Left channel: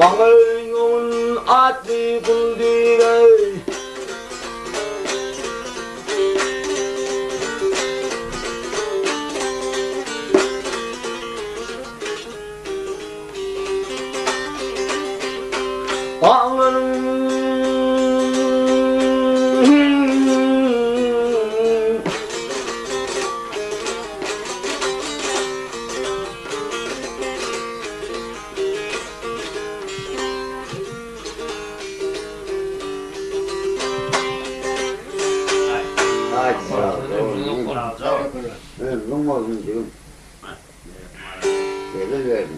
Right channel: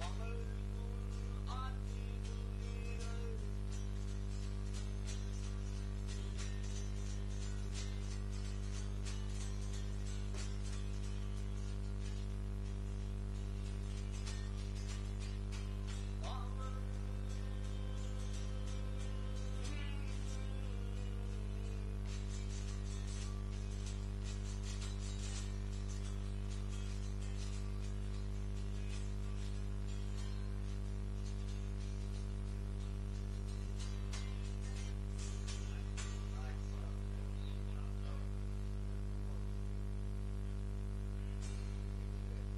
왕을용은 아띠 군디를 왕은 먹으면 지금 얘를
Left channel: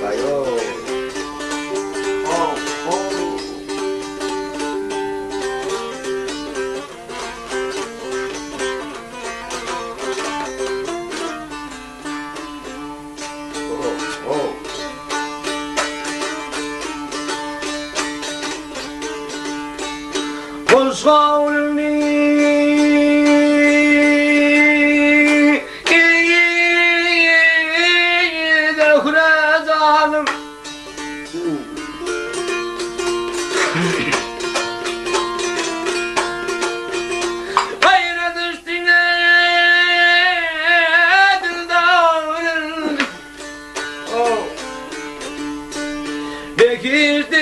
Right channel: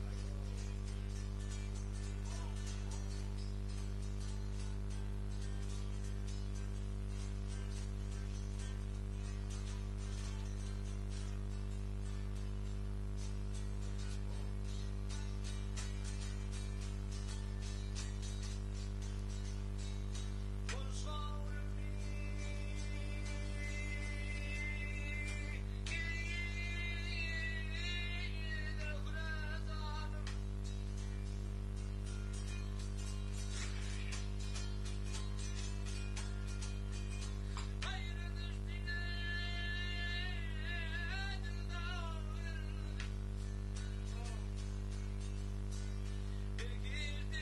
가요. 서울리 흐르자는 아이라 düştüğüne dildağının bekirdi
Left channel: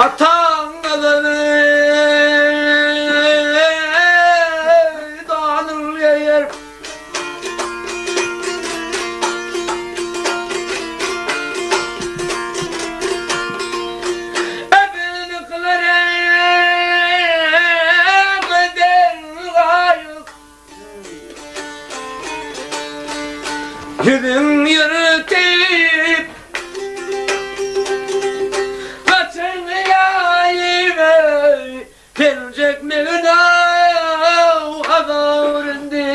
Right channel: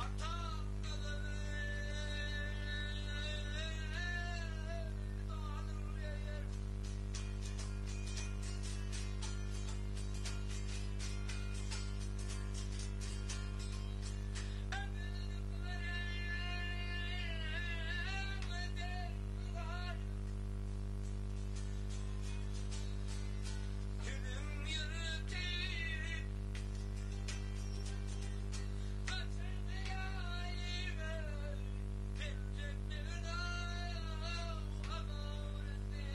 Atan adını dağılır yer Ebeni kılarım eder gayet Gidin yürütüp Gelecek mi günah haberinde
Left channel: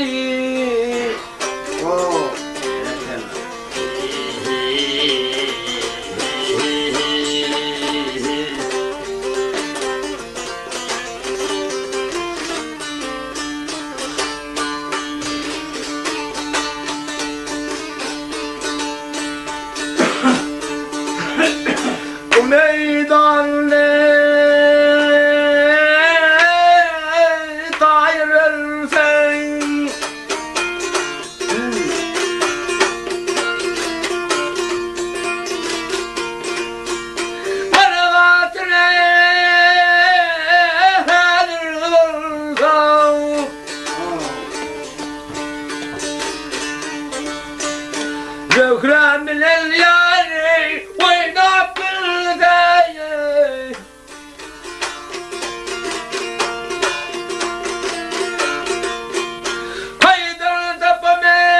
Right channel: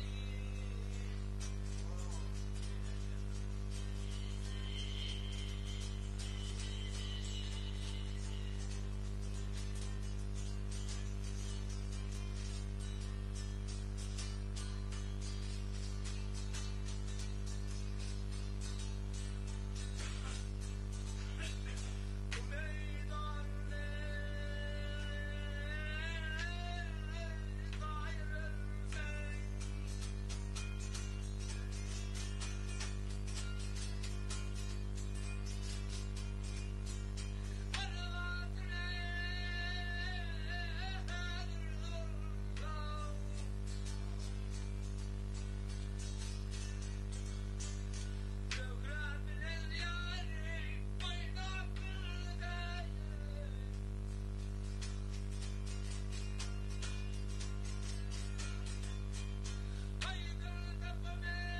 Bu meydanda ذكرى من الليالي وين بالغاية قيد الضبمين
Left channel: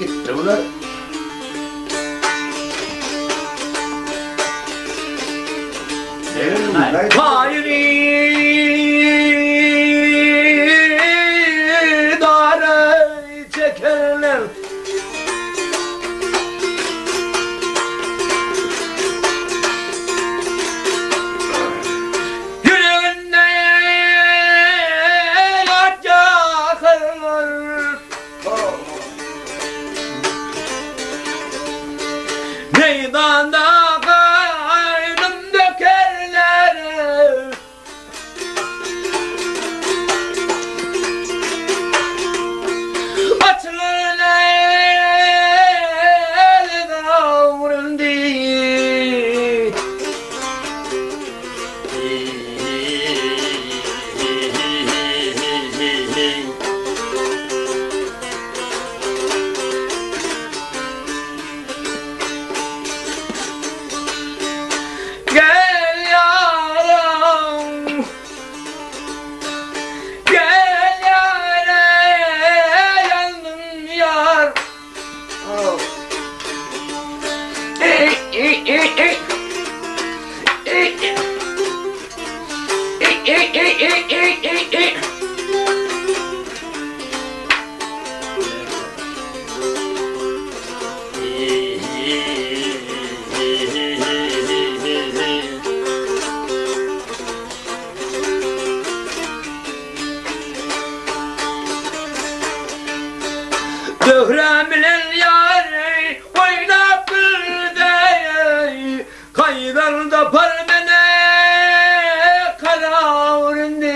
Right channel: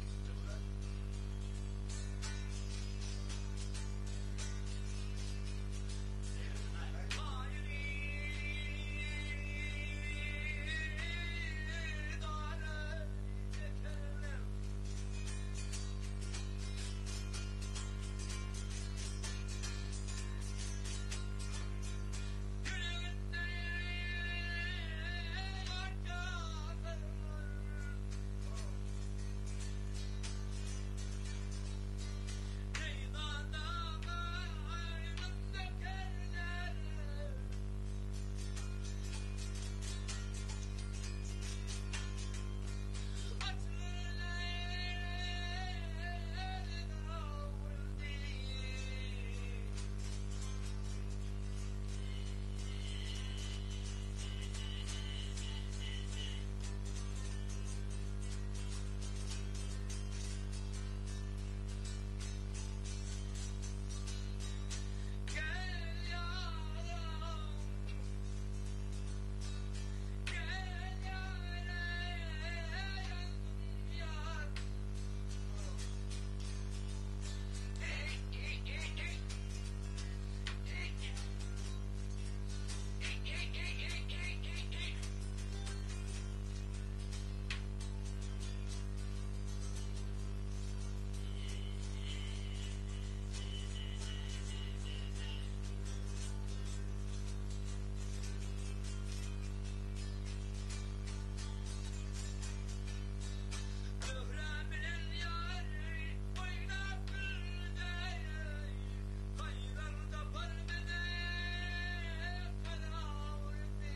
gitti bunlar. Hayri dare çekerler. Yüreğinde yaş yakırlar. Meydanda kaynım dökerler. Açılır el davrandı. Gel yaram, gel yare, yandım yar. Döhremle yari oynap bildeyi, kaydarda parmene karavurindi.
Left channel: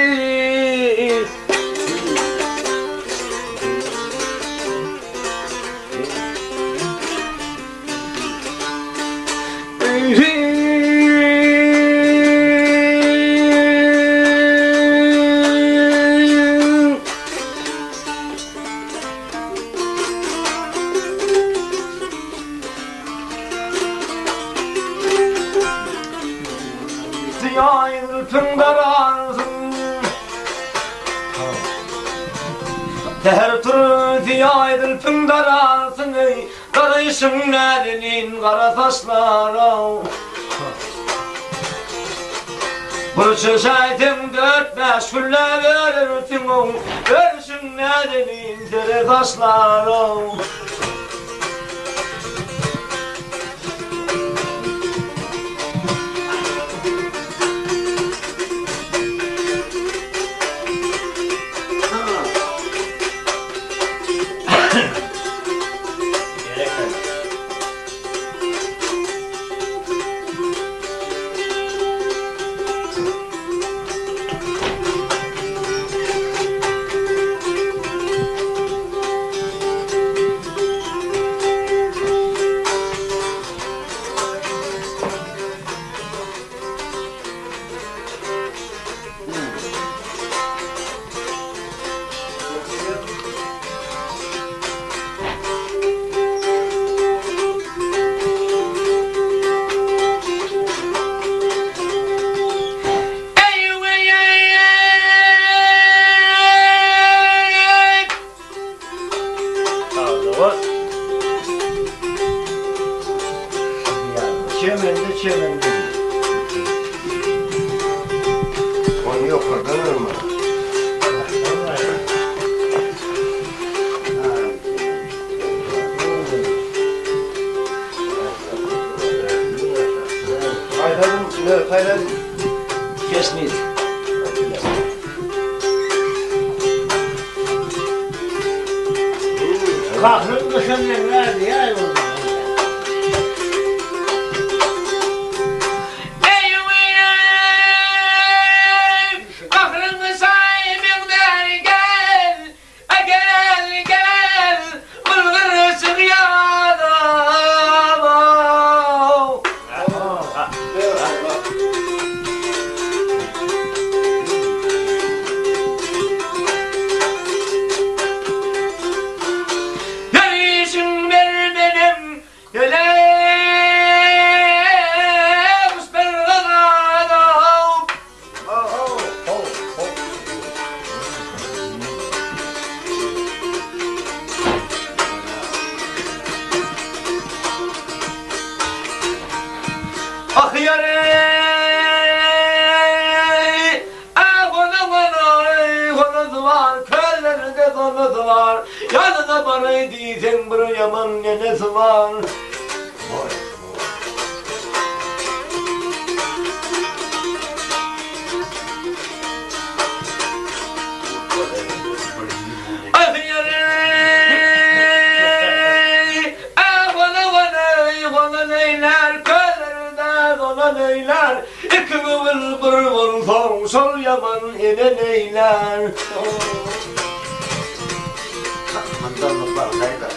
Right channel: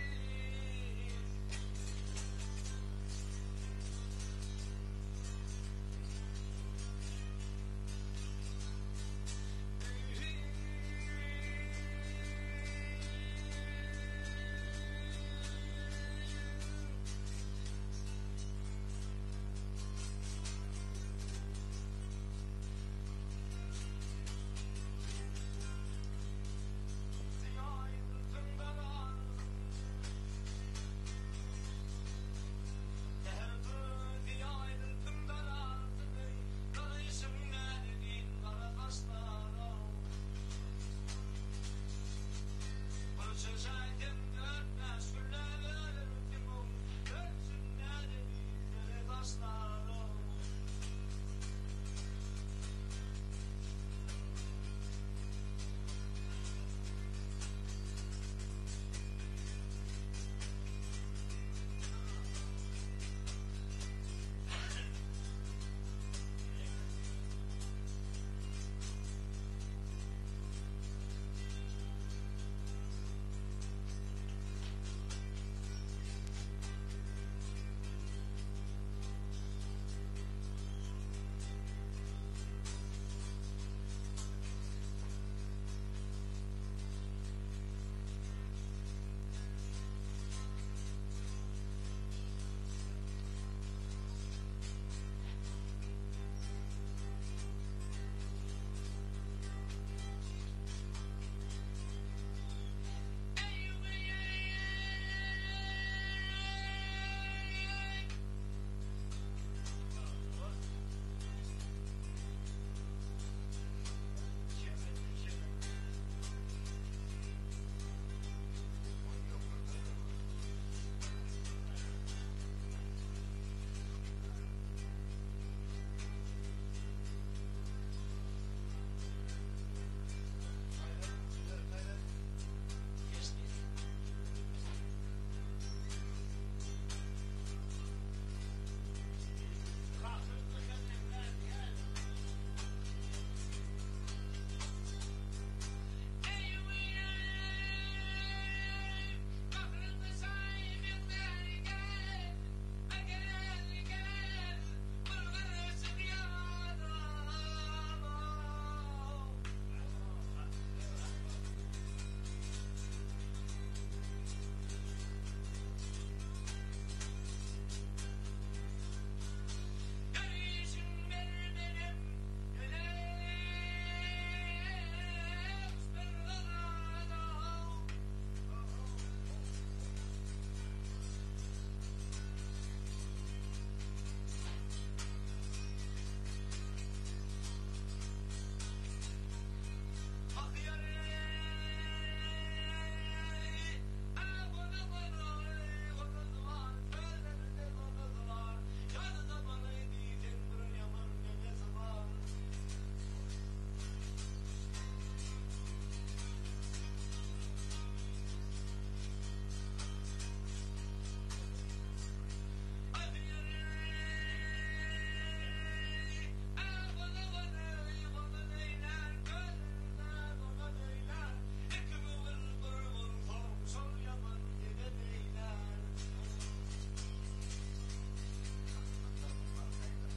Ziyayırtın dararsın, teher turu ziyayırtın dararsın, karışım nedenin kara taşlara. Burçun şahitim 4-5 gülle verirsin, karışım nedenin zere taşlara. Çemende. Onu yok kazanır mı? Hayradım. Kesmeyiz. Kahrın kışın verdi ya yolda. Verişin ver benim Ah yarey, konadılar, köylerinde konadılar. Yanına bana diysen bir yaman nenesi var. Ah yarey, konaneyler, köylerinde konaneyler. İki kıvıl bir vursan, sol yaman eneneyler. Mandarlıklar kayda.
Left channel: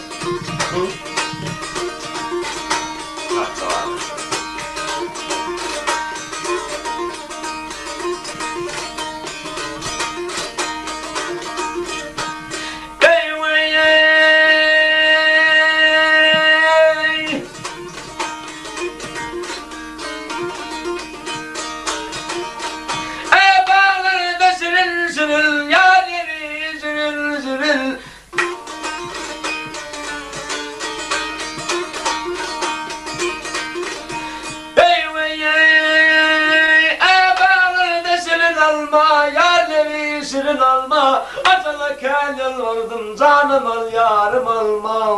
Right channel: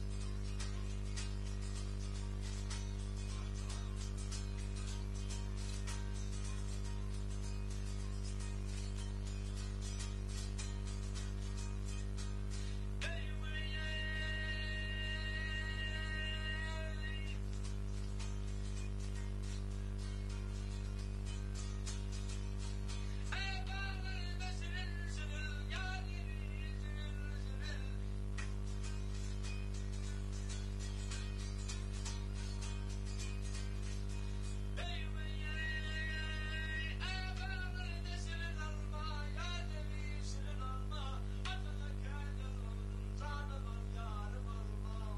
Alma, acala kendin vardım, canım al, yarım alma.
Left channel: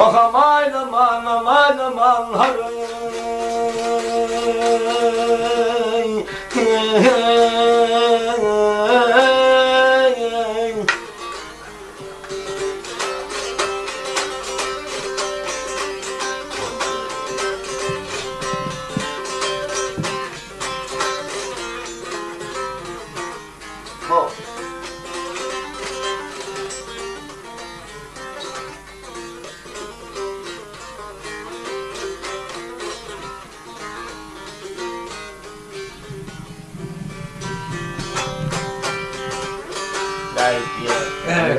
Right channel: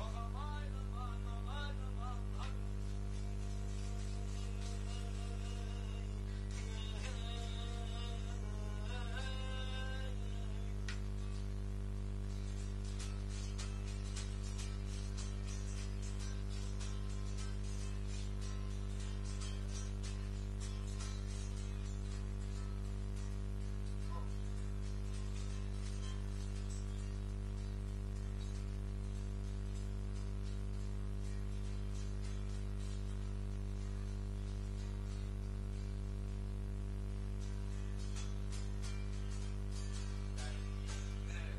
Oh aman aman aman aman harey. Oh. Evet.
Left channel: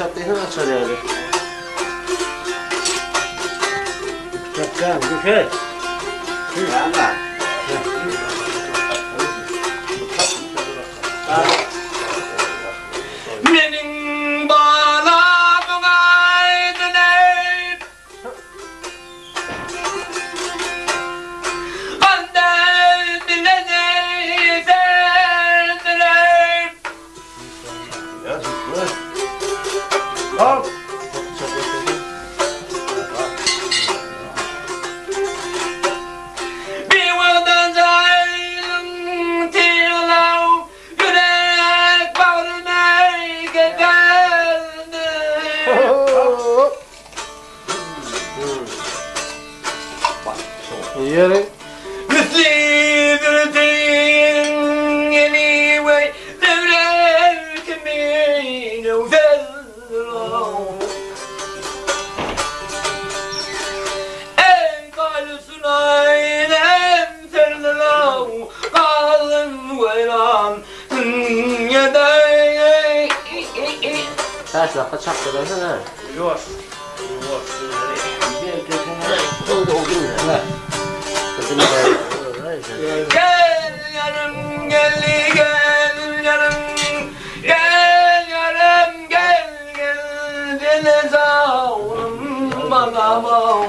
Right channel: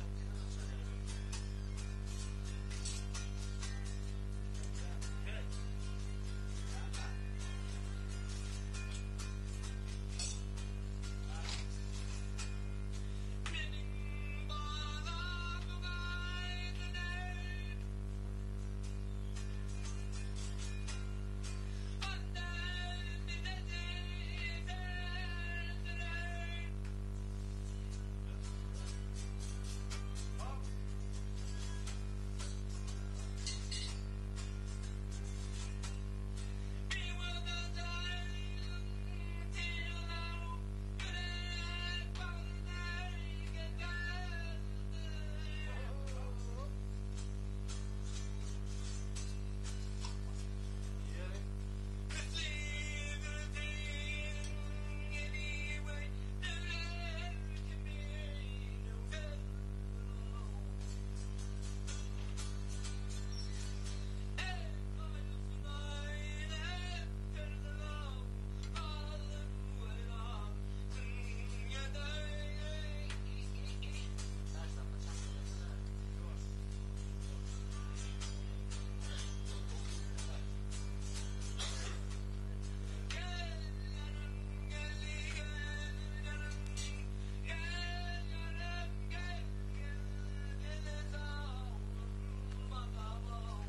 çatlayın açar yani. Çakkan düşer. Ama. Benim bağlamın aydın ey Annen dile değderdin ey Ya sus. Al. Bir vurdan caylım tiyolav Yürek bağrına geldi Yerin. Müslidir din yeni ve devre kimin uzello Ey kalüsün ailem serlo kalın veyran yedey Ters lafa çaktırırsan ha. Yok. Oldu ya. Ha. Kızını da. Gel yarım gel gel yarım gel yarım gel gel dene zavrum bana bağ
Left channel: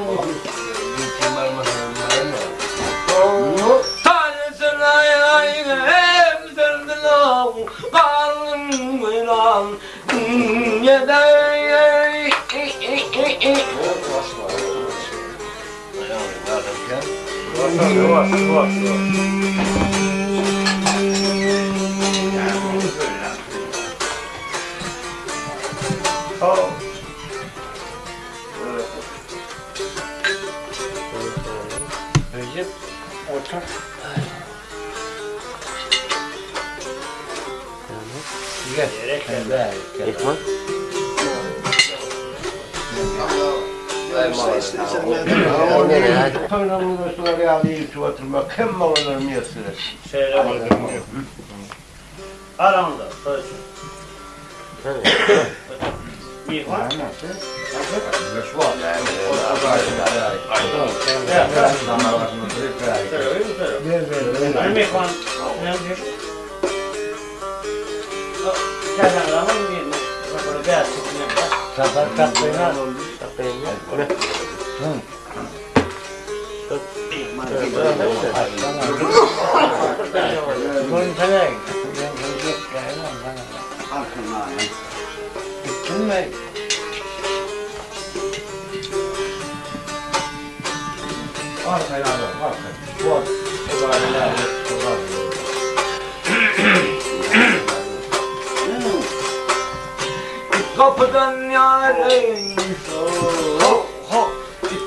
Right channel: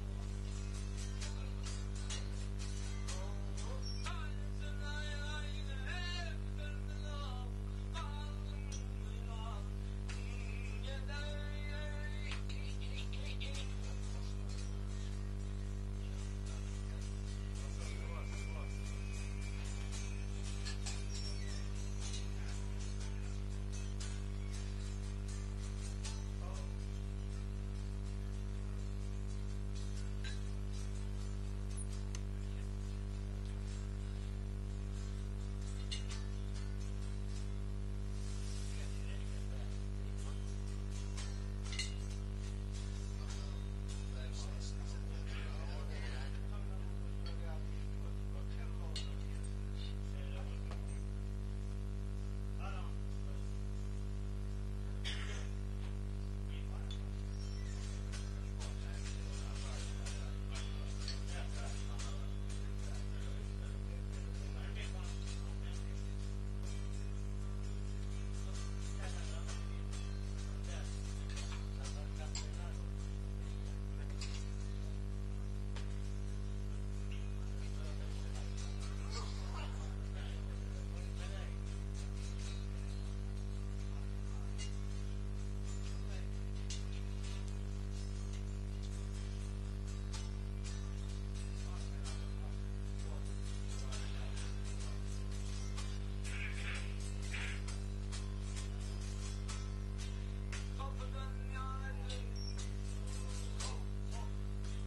Tanrısın ay ay hem sırdılav kalım vıran yedey Recep otur. Gel. Gel. Ekmek. Toynamın üstüne yağlayıp oturmak hem malınır mı yasırır? Şöyle bakalım. Aramda. Bir var. Sabah tatlıyla gittin mi? Arkaya arkaya. Bu Kapıdan yâre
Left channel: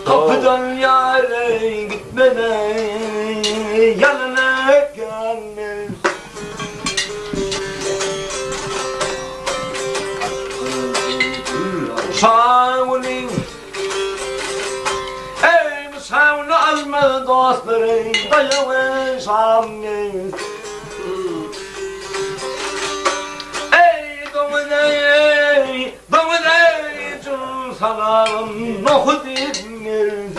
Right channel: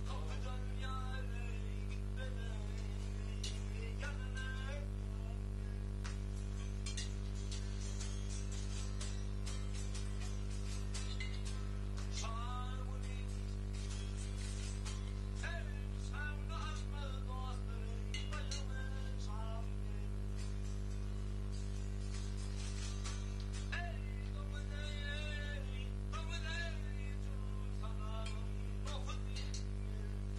Kapıdan yâre gitmeden yanına gelmez Sağolun Ey müsavunu azmı dostları Dayağı samimi Ey dominey Tüm salam nohut ibniz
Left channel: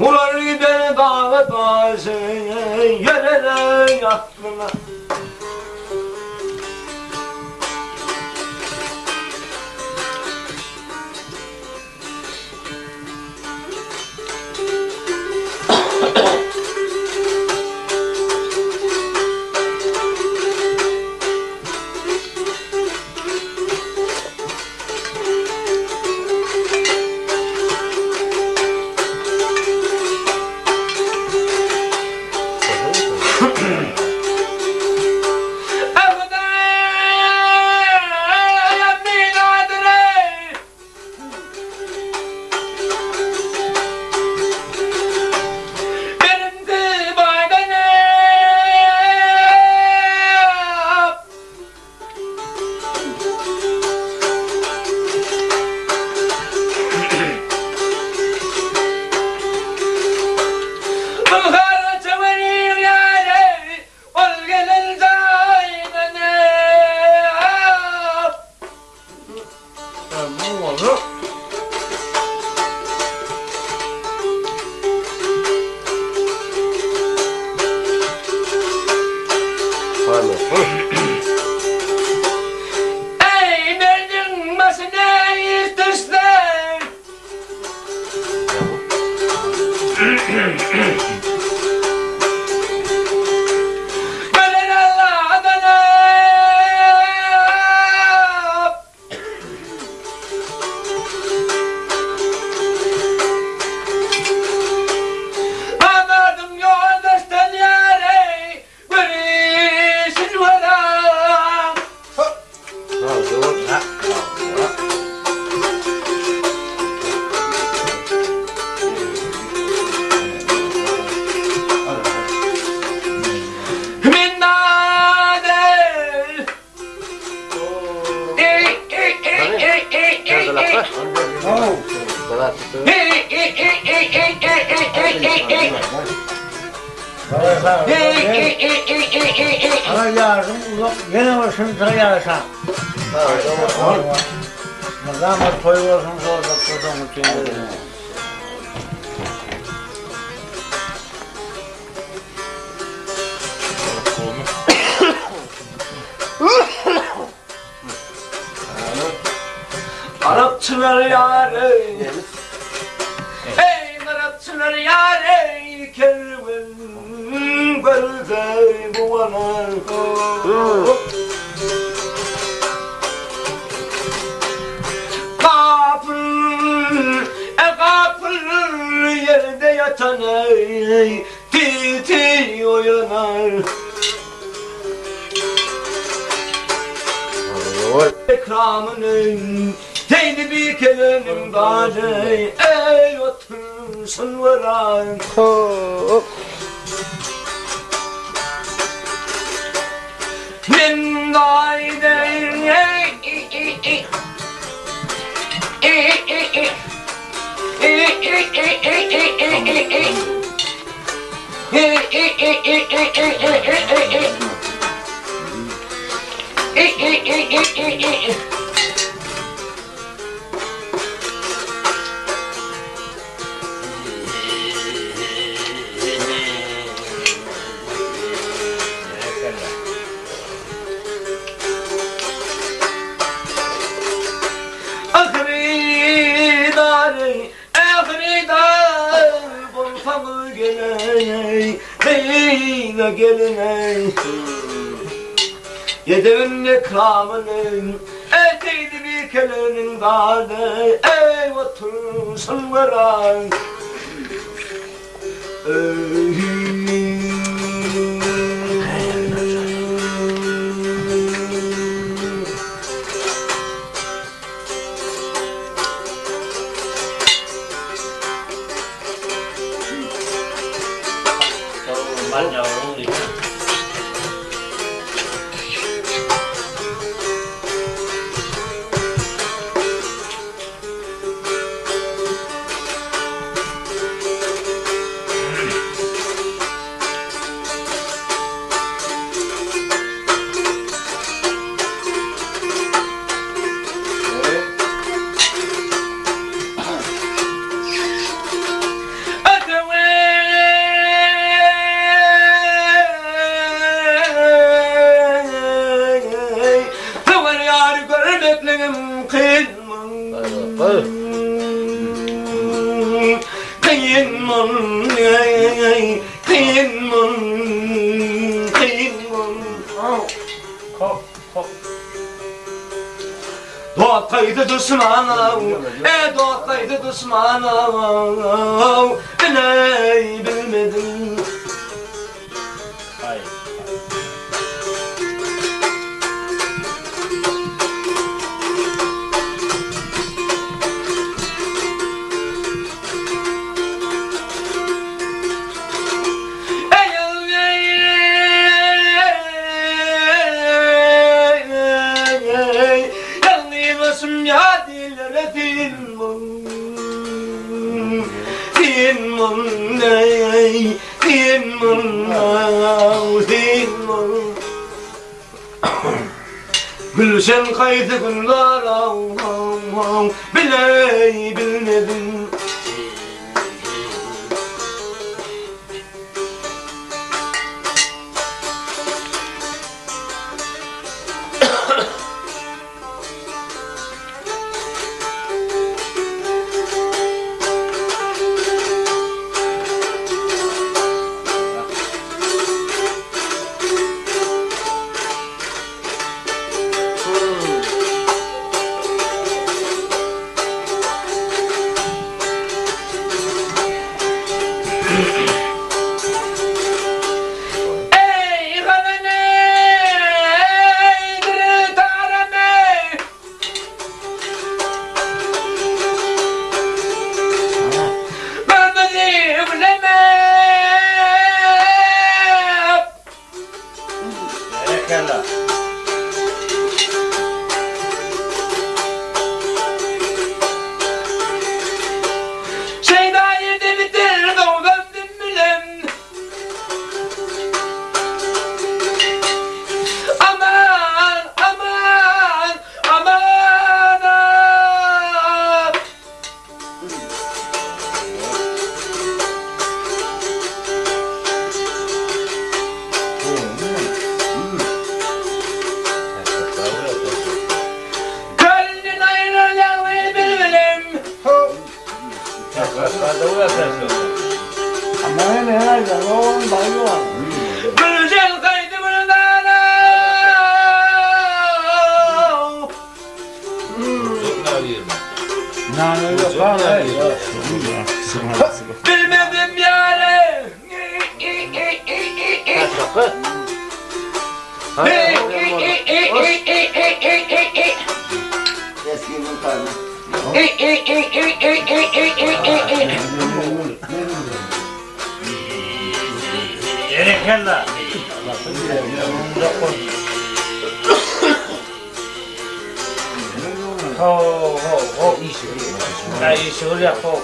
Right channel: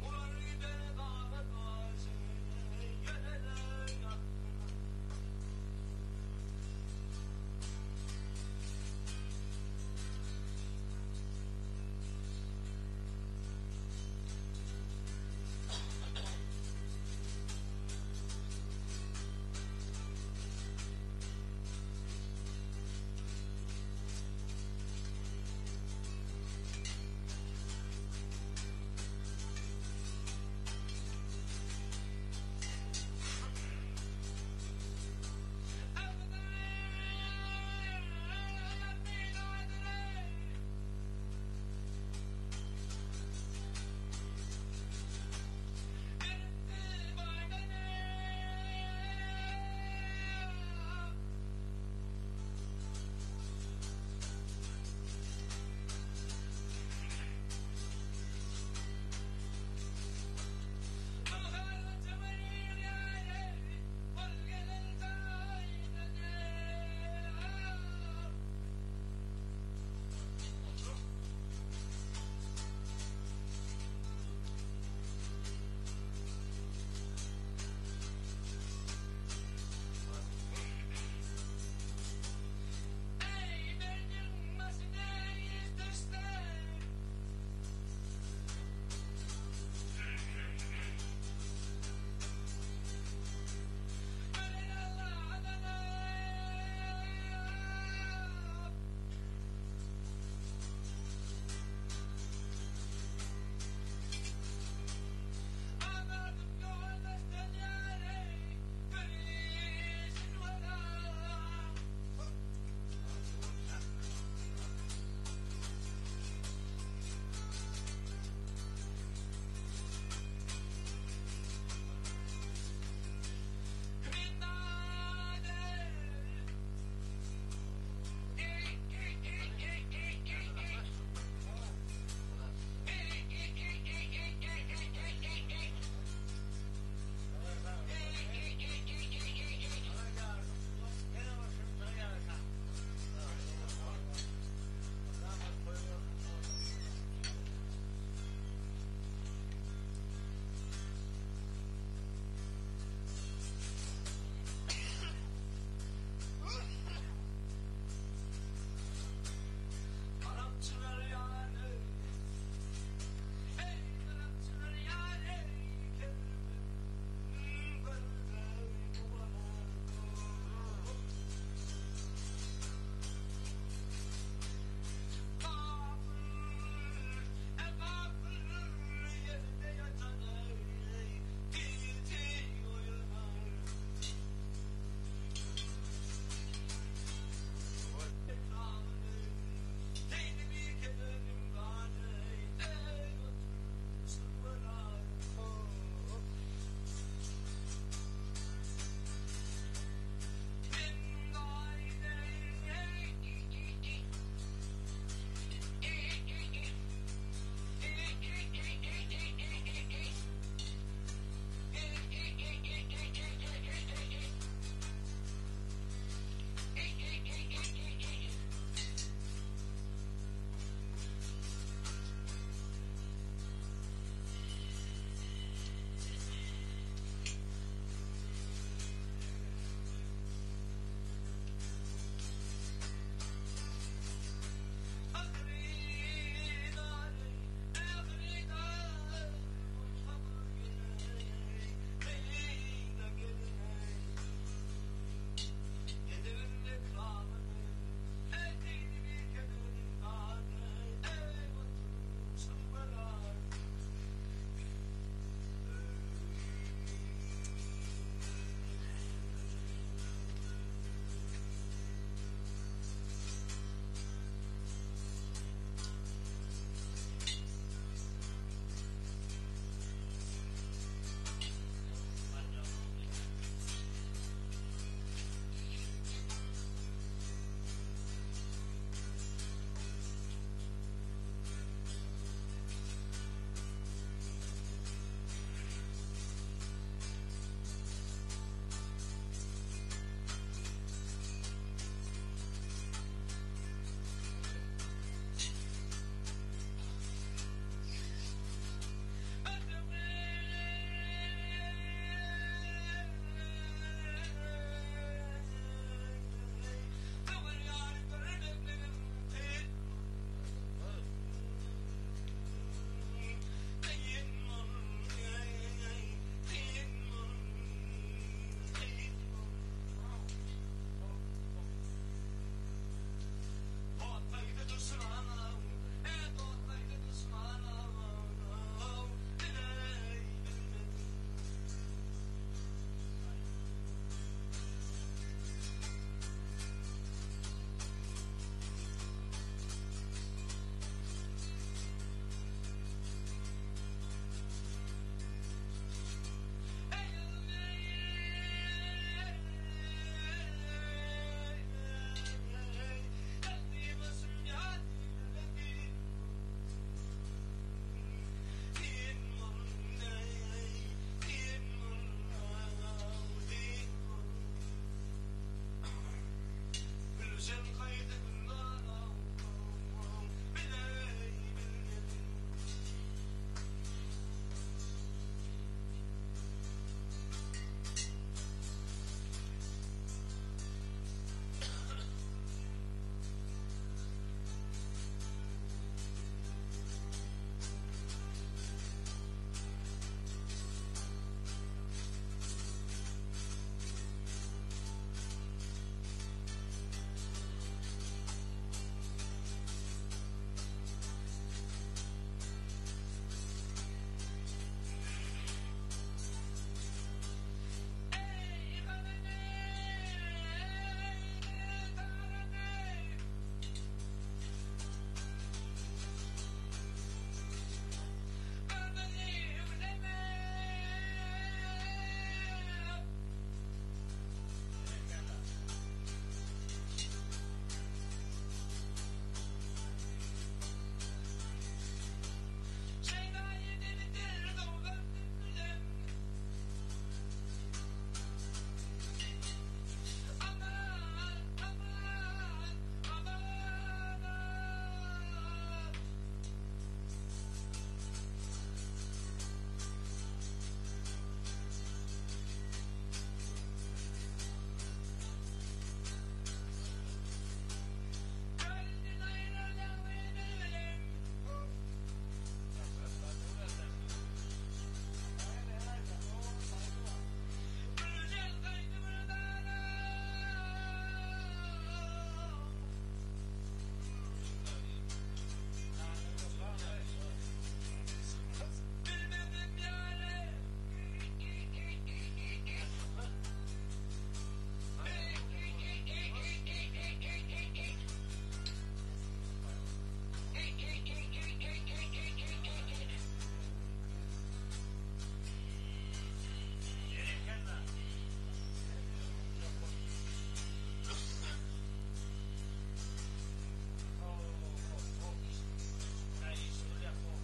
Ular gider dağa taşı Yerere yaklına Gelen Allah'dan anladım yoldaştan yare görüşün varam. Min nader. Ana yardım uzak. Gene başını sayarsan. Zahmet koyuyorsun orada kodumun içinde. Arapçılar yâre, ey Arapçılar yâre, kervan gözey bu ana. Kapıl yerde yatan ey, titi uyanar. Ekramının teyni bir kelenin bari, ey otursun varan. Min daydeyn gelin Yedemin ekramının eteydi bir kelenin dağda ey otursun varan Ban nhau luôn đi. Doğaktaydı düşmanım, doğaktaydı düşmanım, beni bilmedim. Gülşen kaydı günler biley bilmedim. Ben herhalde oğlum bayılıyor. Gülşen kaydı buradan. Nane yok abi. Bilmedim yâre. Eskimin karnı. Gerekirler. Ho. Ya işi oraya ho.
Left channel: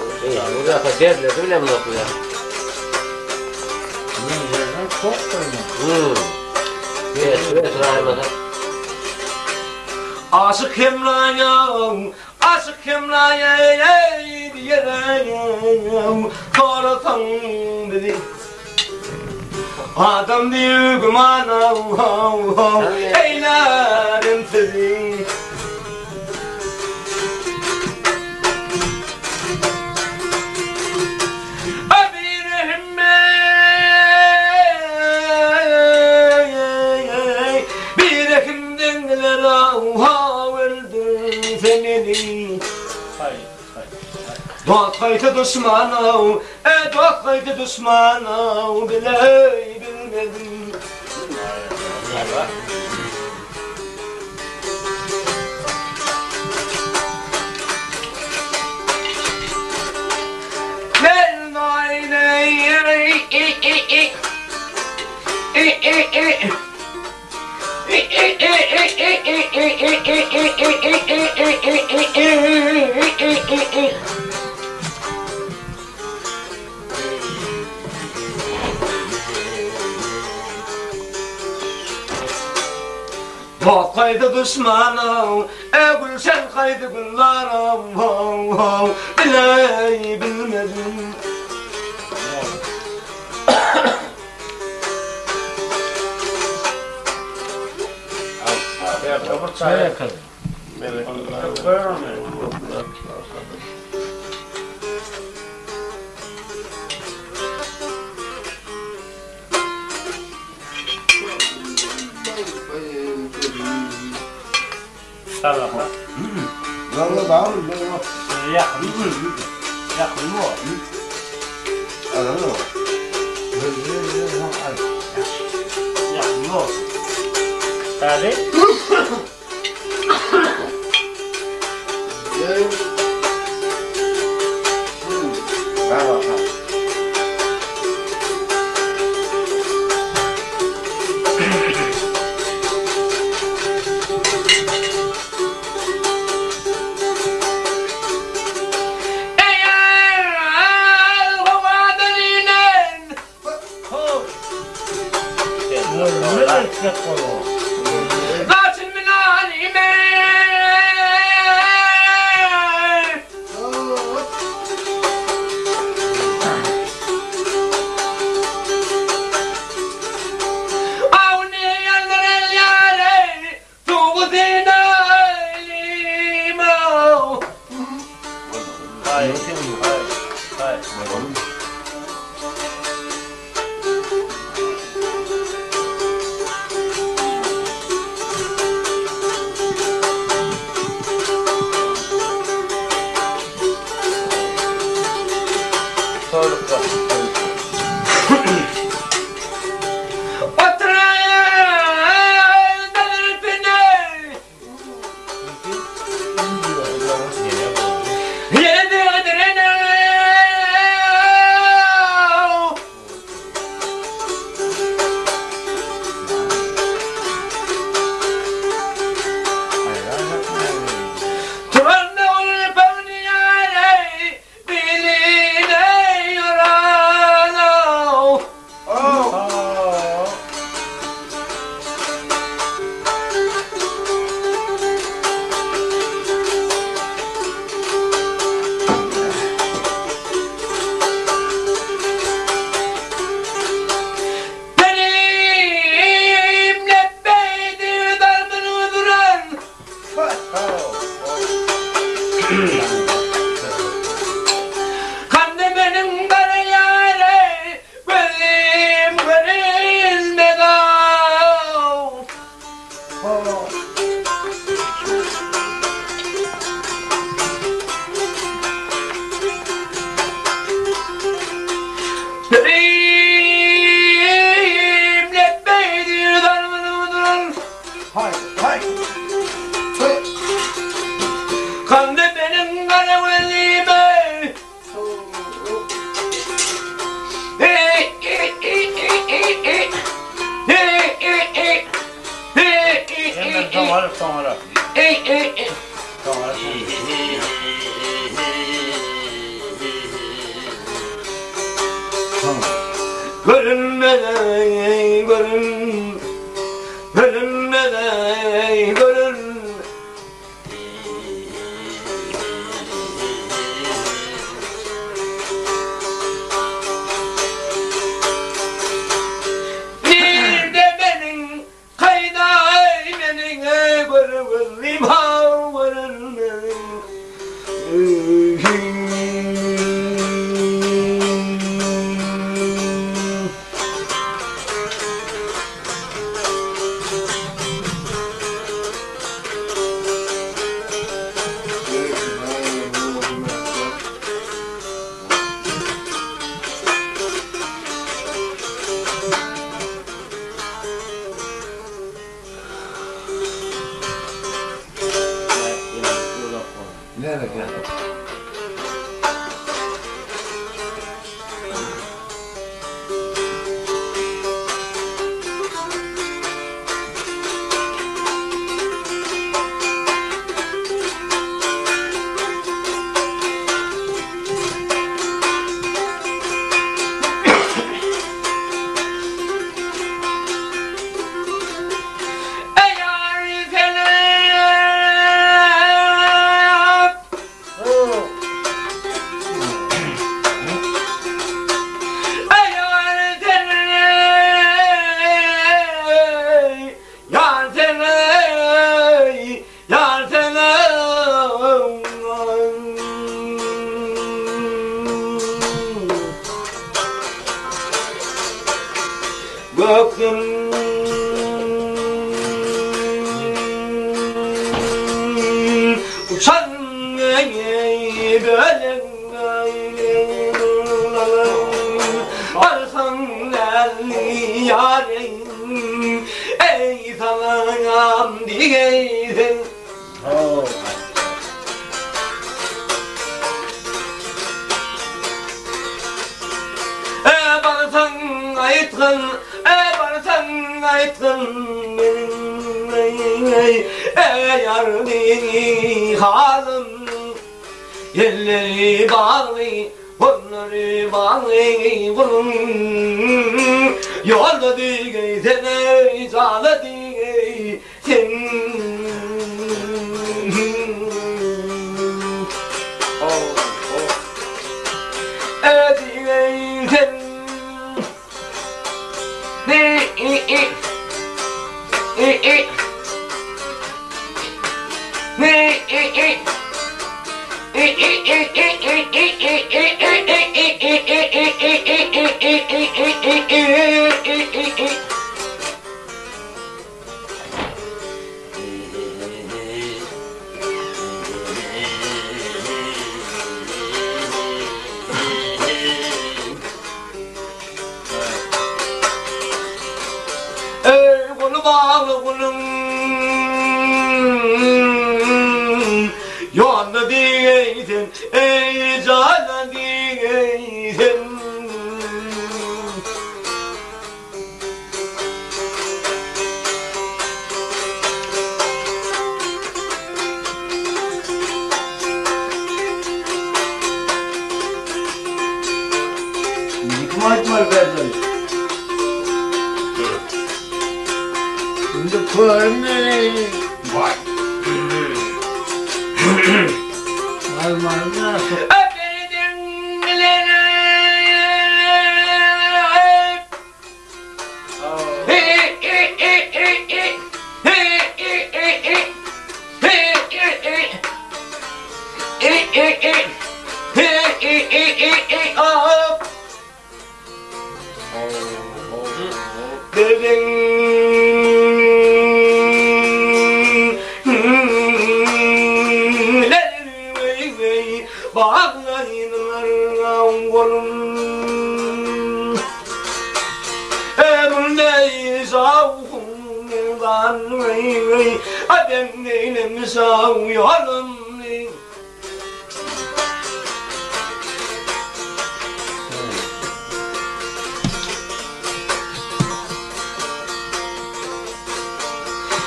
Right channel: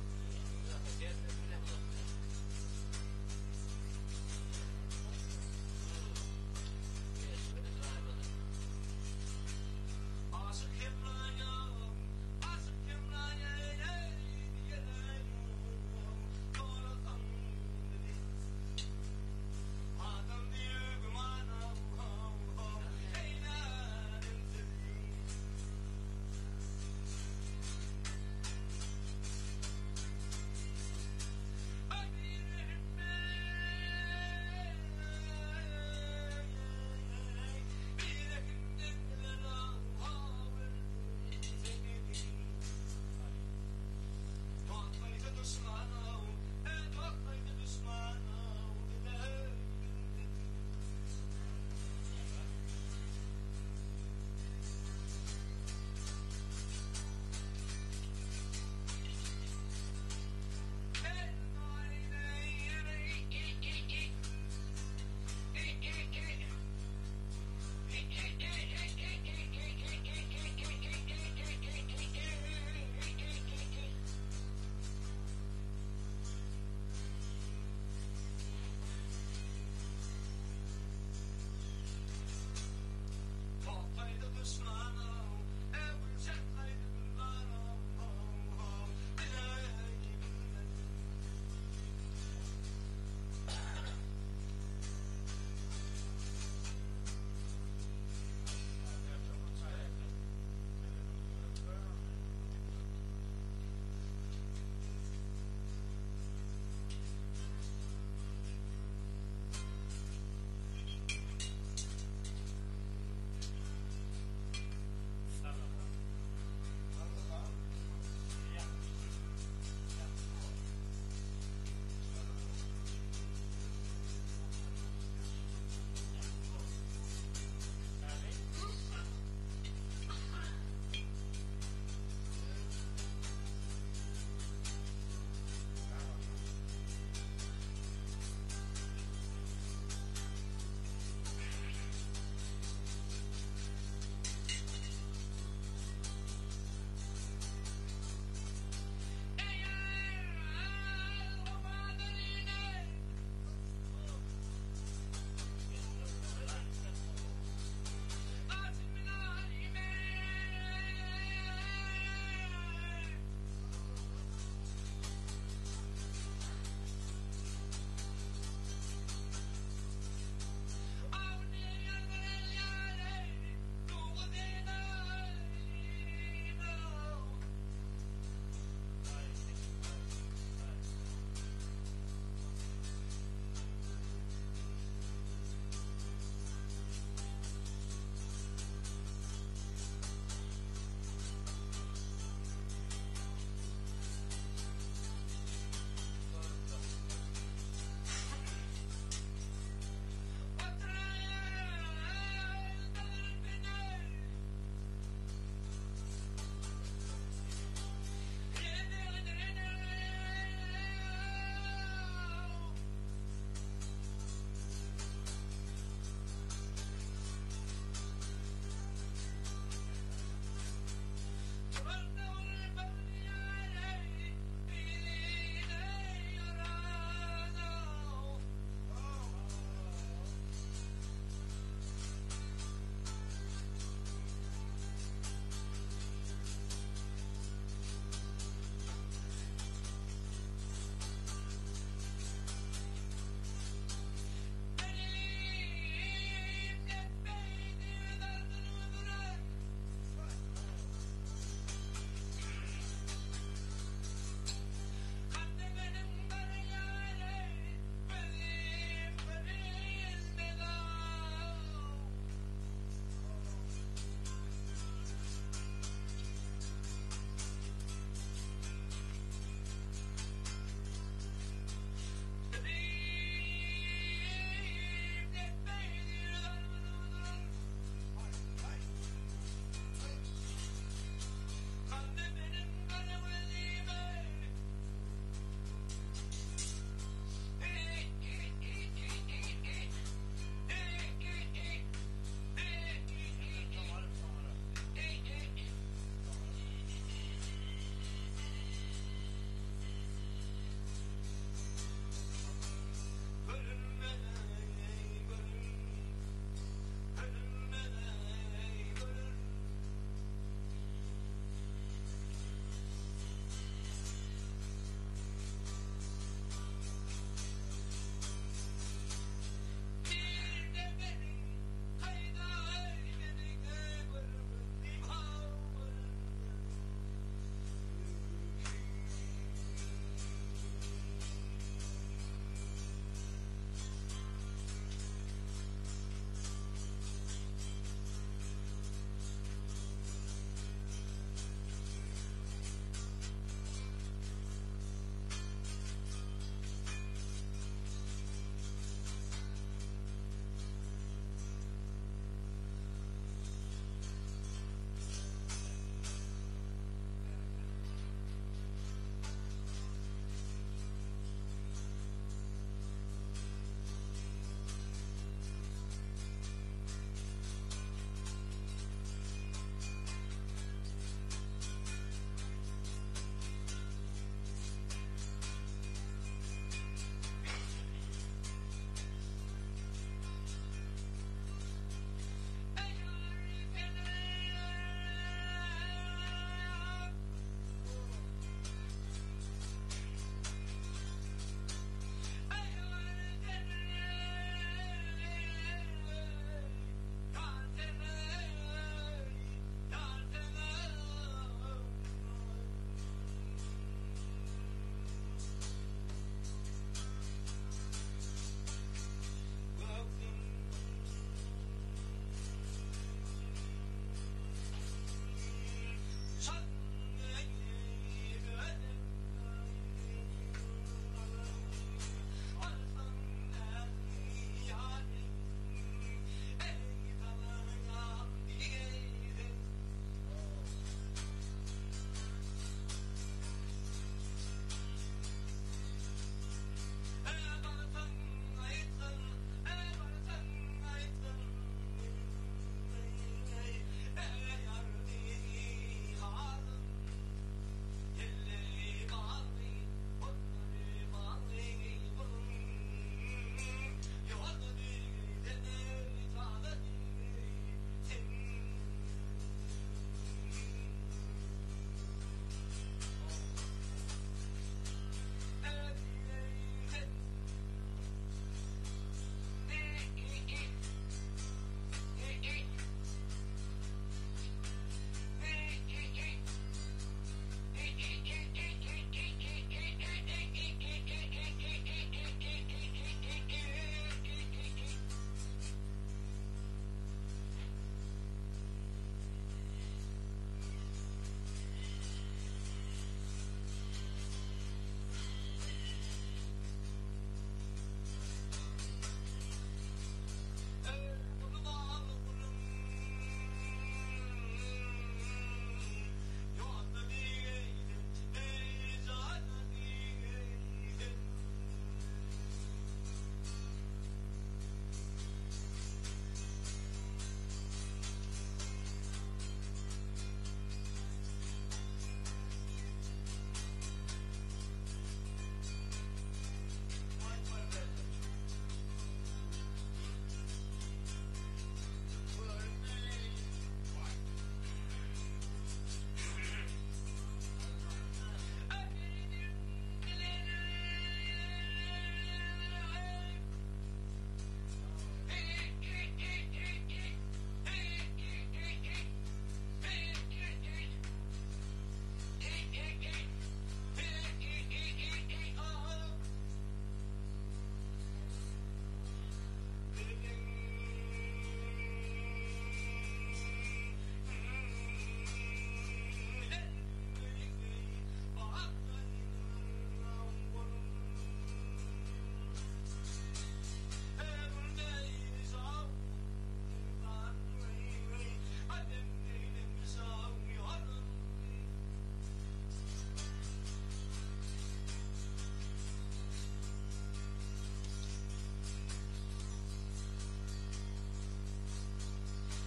Buraya kadar derler öyle mi okuyor? Çok koyma. Evet, rahmet. Aşık Emrah'a, aşık Emrah'a diyerek soratan dedi. Adam diyor gümana, eylerim sizi. Doğakaydı düşmana, doğakaydı düşmana, bilmedim. Ben Doğ kaydı düşmana, gülşen kaydı güllara, bilmedim. Nereye kadar? Tamam. Vallahi bağlı mı? Yakın. Yakın mı? Anladın mı? Yakın mı? Hadi. Bravo. ara. Görünmeden görün, görünmeden görün. Bir de benim kaydayemenin görün, limha görün. Nereye geldi? Eğer seni Gökten uçan böyle varsan elli yarim ey salam diyeysen. Barsan ayıtkın, barsan ayıtkın benim yardım halim. Yerleri bağlı, bunları bağlı bunun. Yolda digeysen, canı digeysen. Digeysen. Kolu bağlı kulum yolda diyeysen ey cana diyeysen. Hikmet var bende. Şimdi körme. Vay. Almanı nasıl? Öpeydin bilene.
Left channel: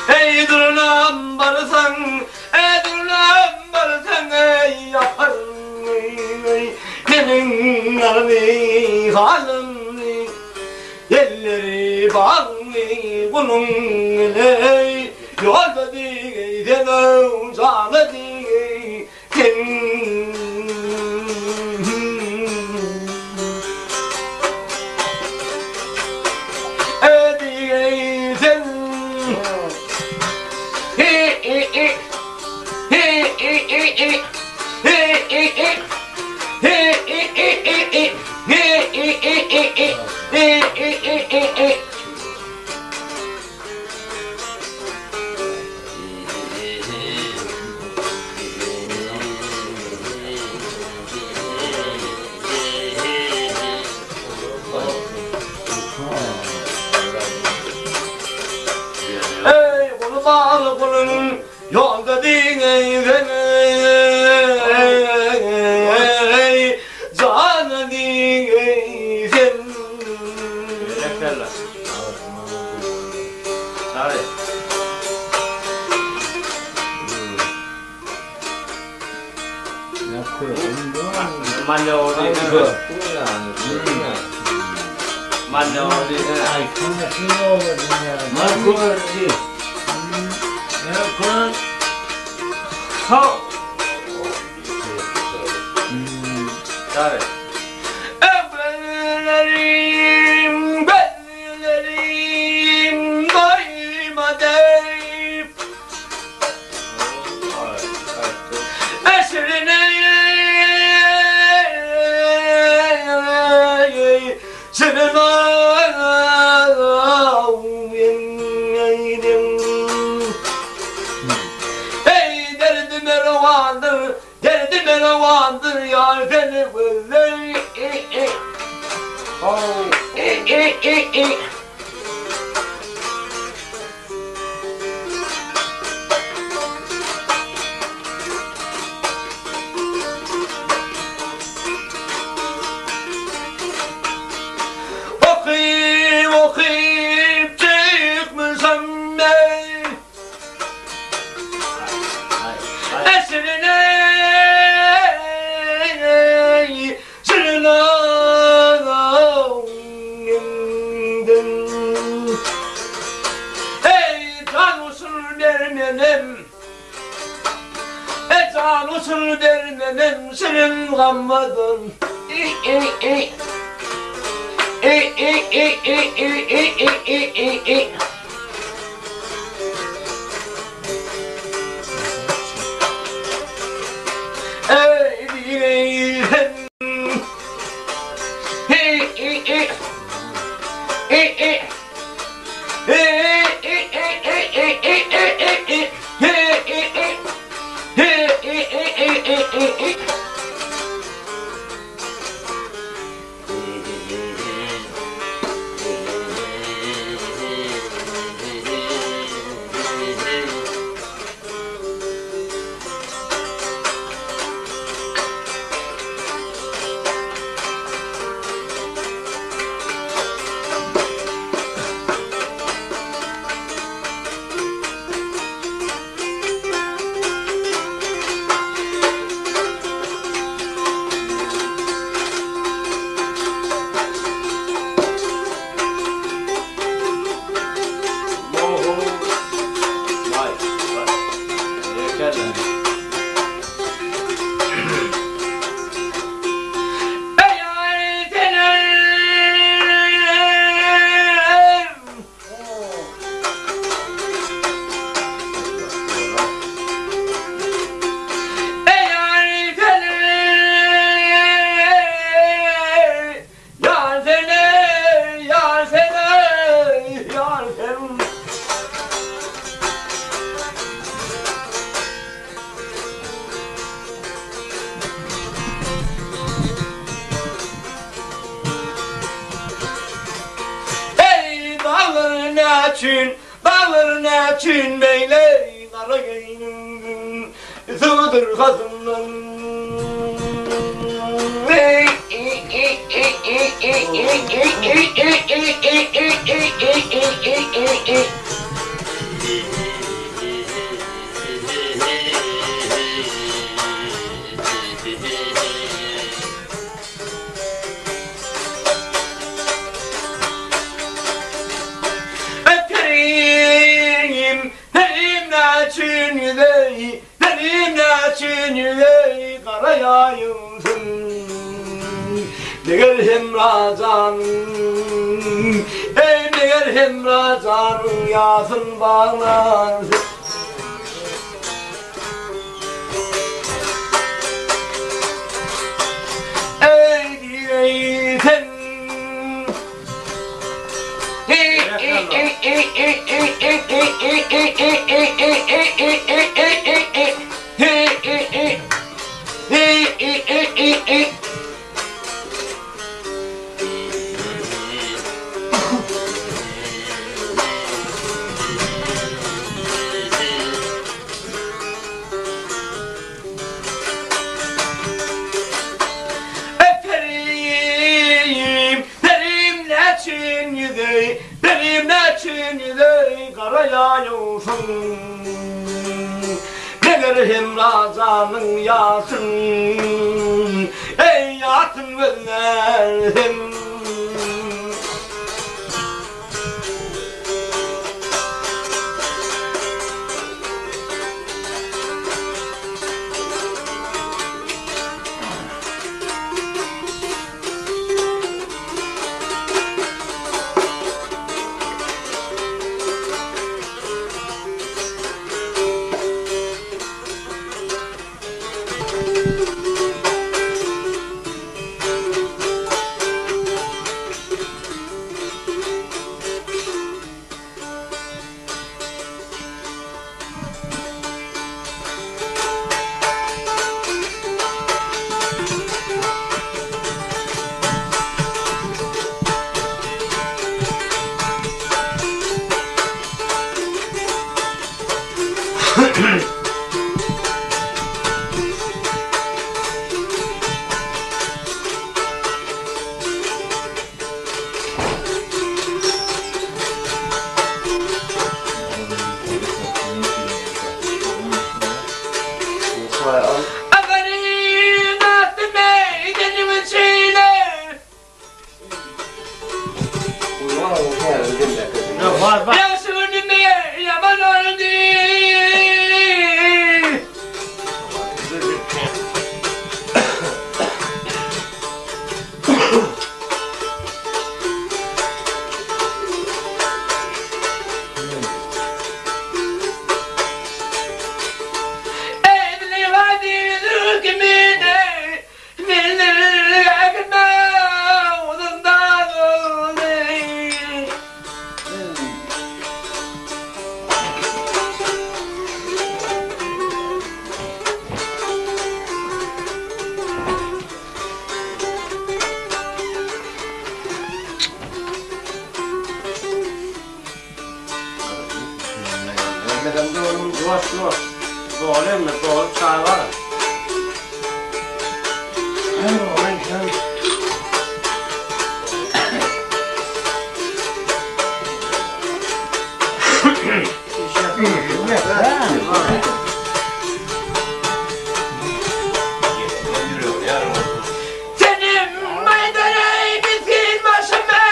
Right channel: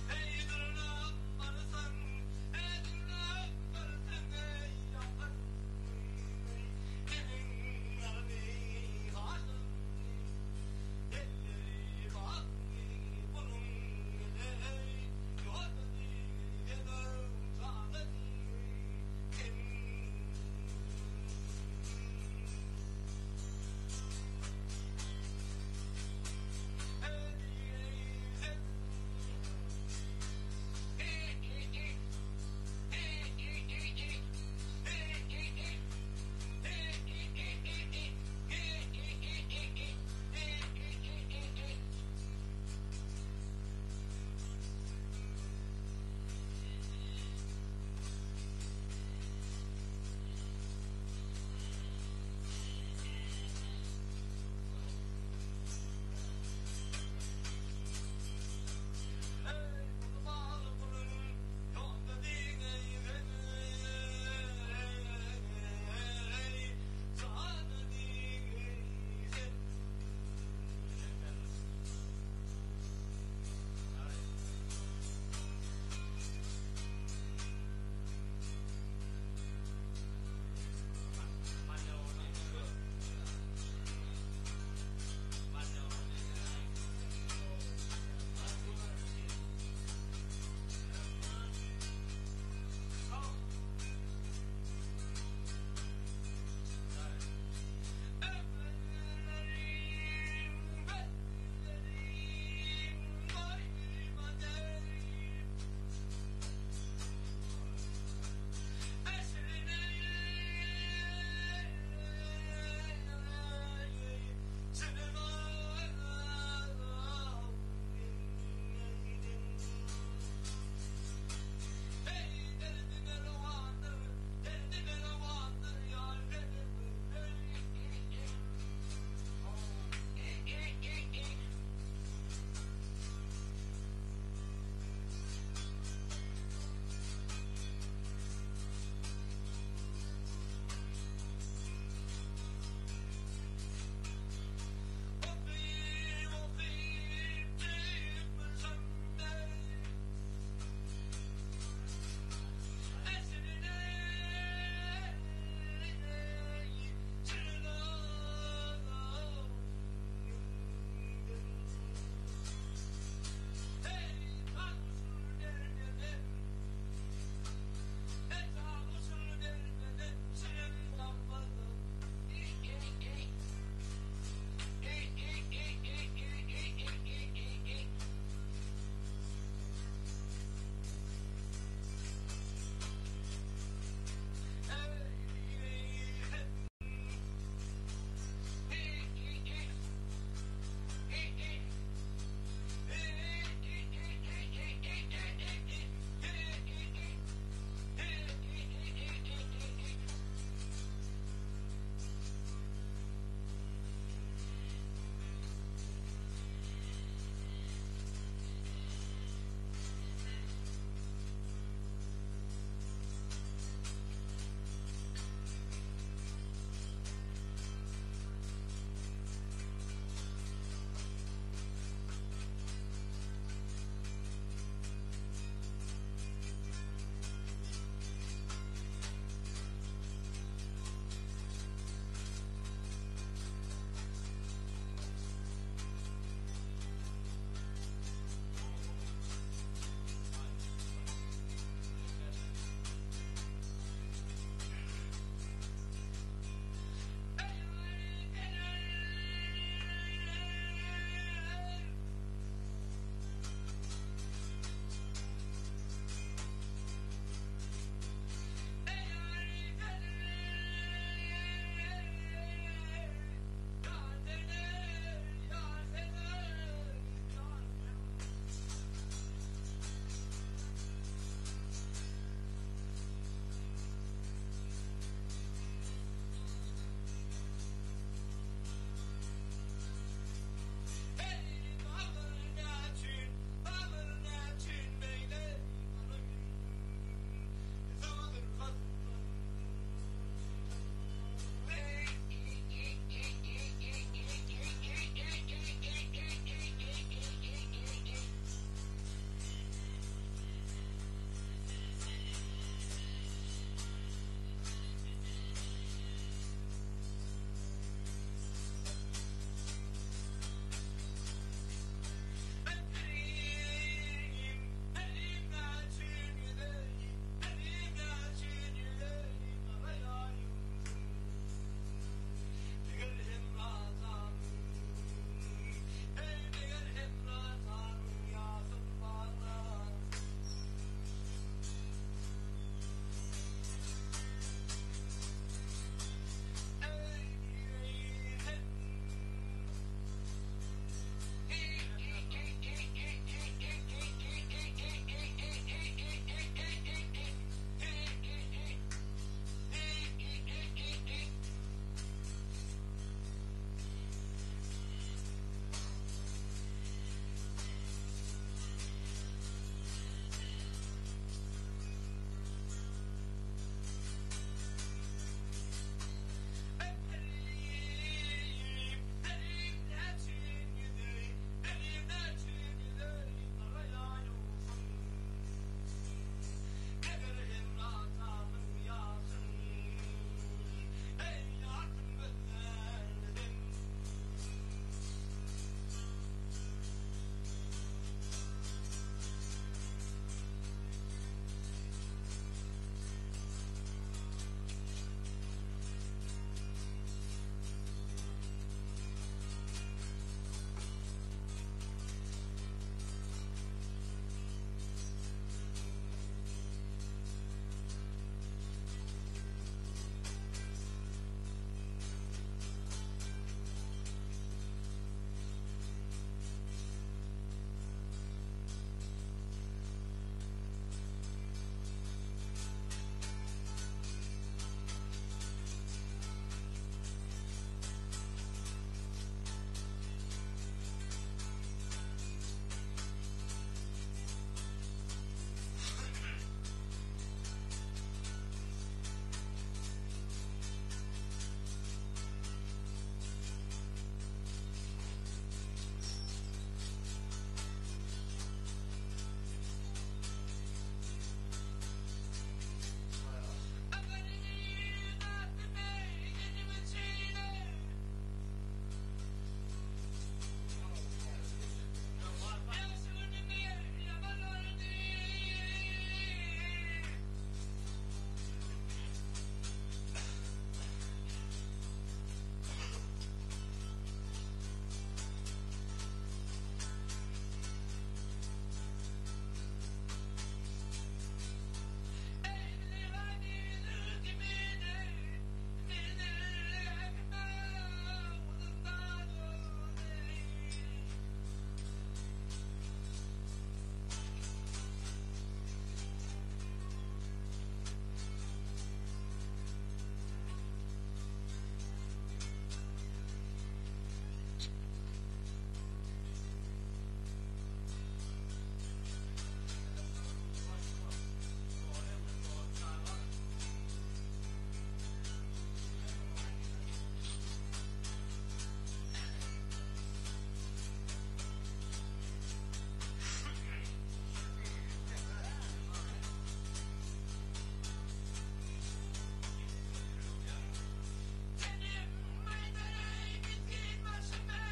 Ey duran barı elleri bağlı bunun ey yolda diyden uzalı diyden bağlı kulun yolda diyden canı diyden Yeterler. Sarı. Ne koyayım? Malle orada değil mi? Malle orada değil mi? Ay konuşuyor oldu ya. Ne koyuyor? Ne koyayım? Sağ. Sarı. Evlerim, bellerim, doymadım esrine senin ey derdime revandır, derdime revandır yar beni böyle okuyup okuyup çıkmışım ben esrine ey can usul dermenim ey can usul dermenim senin gammadın ey diyeyim için, bağlarına için beyler kara gönlüm sığdır kazımdan. karayayımsın. Neger hemracan, ey neger hemracan, yasın bağlansın. Ey diyeysen, benim ne çinide karayayımsın. Neger hemracanın yasın, ey yasın gözlerim. Var bak. Mehmet'im de oğlum duvar. Doğru mu? Doğru çay var. Senin maydanayı bitsin başıma.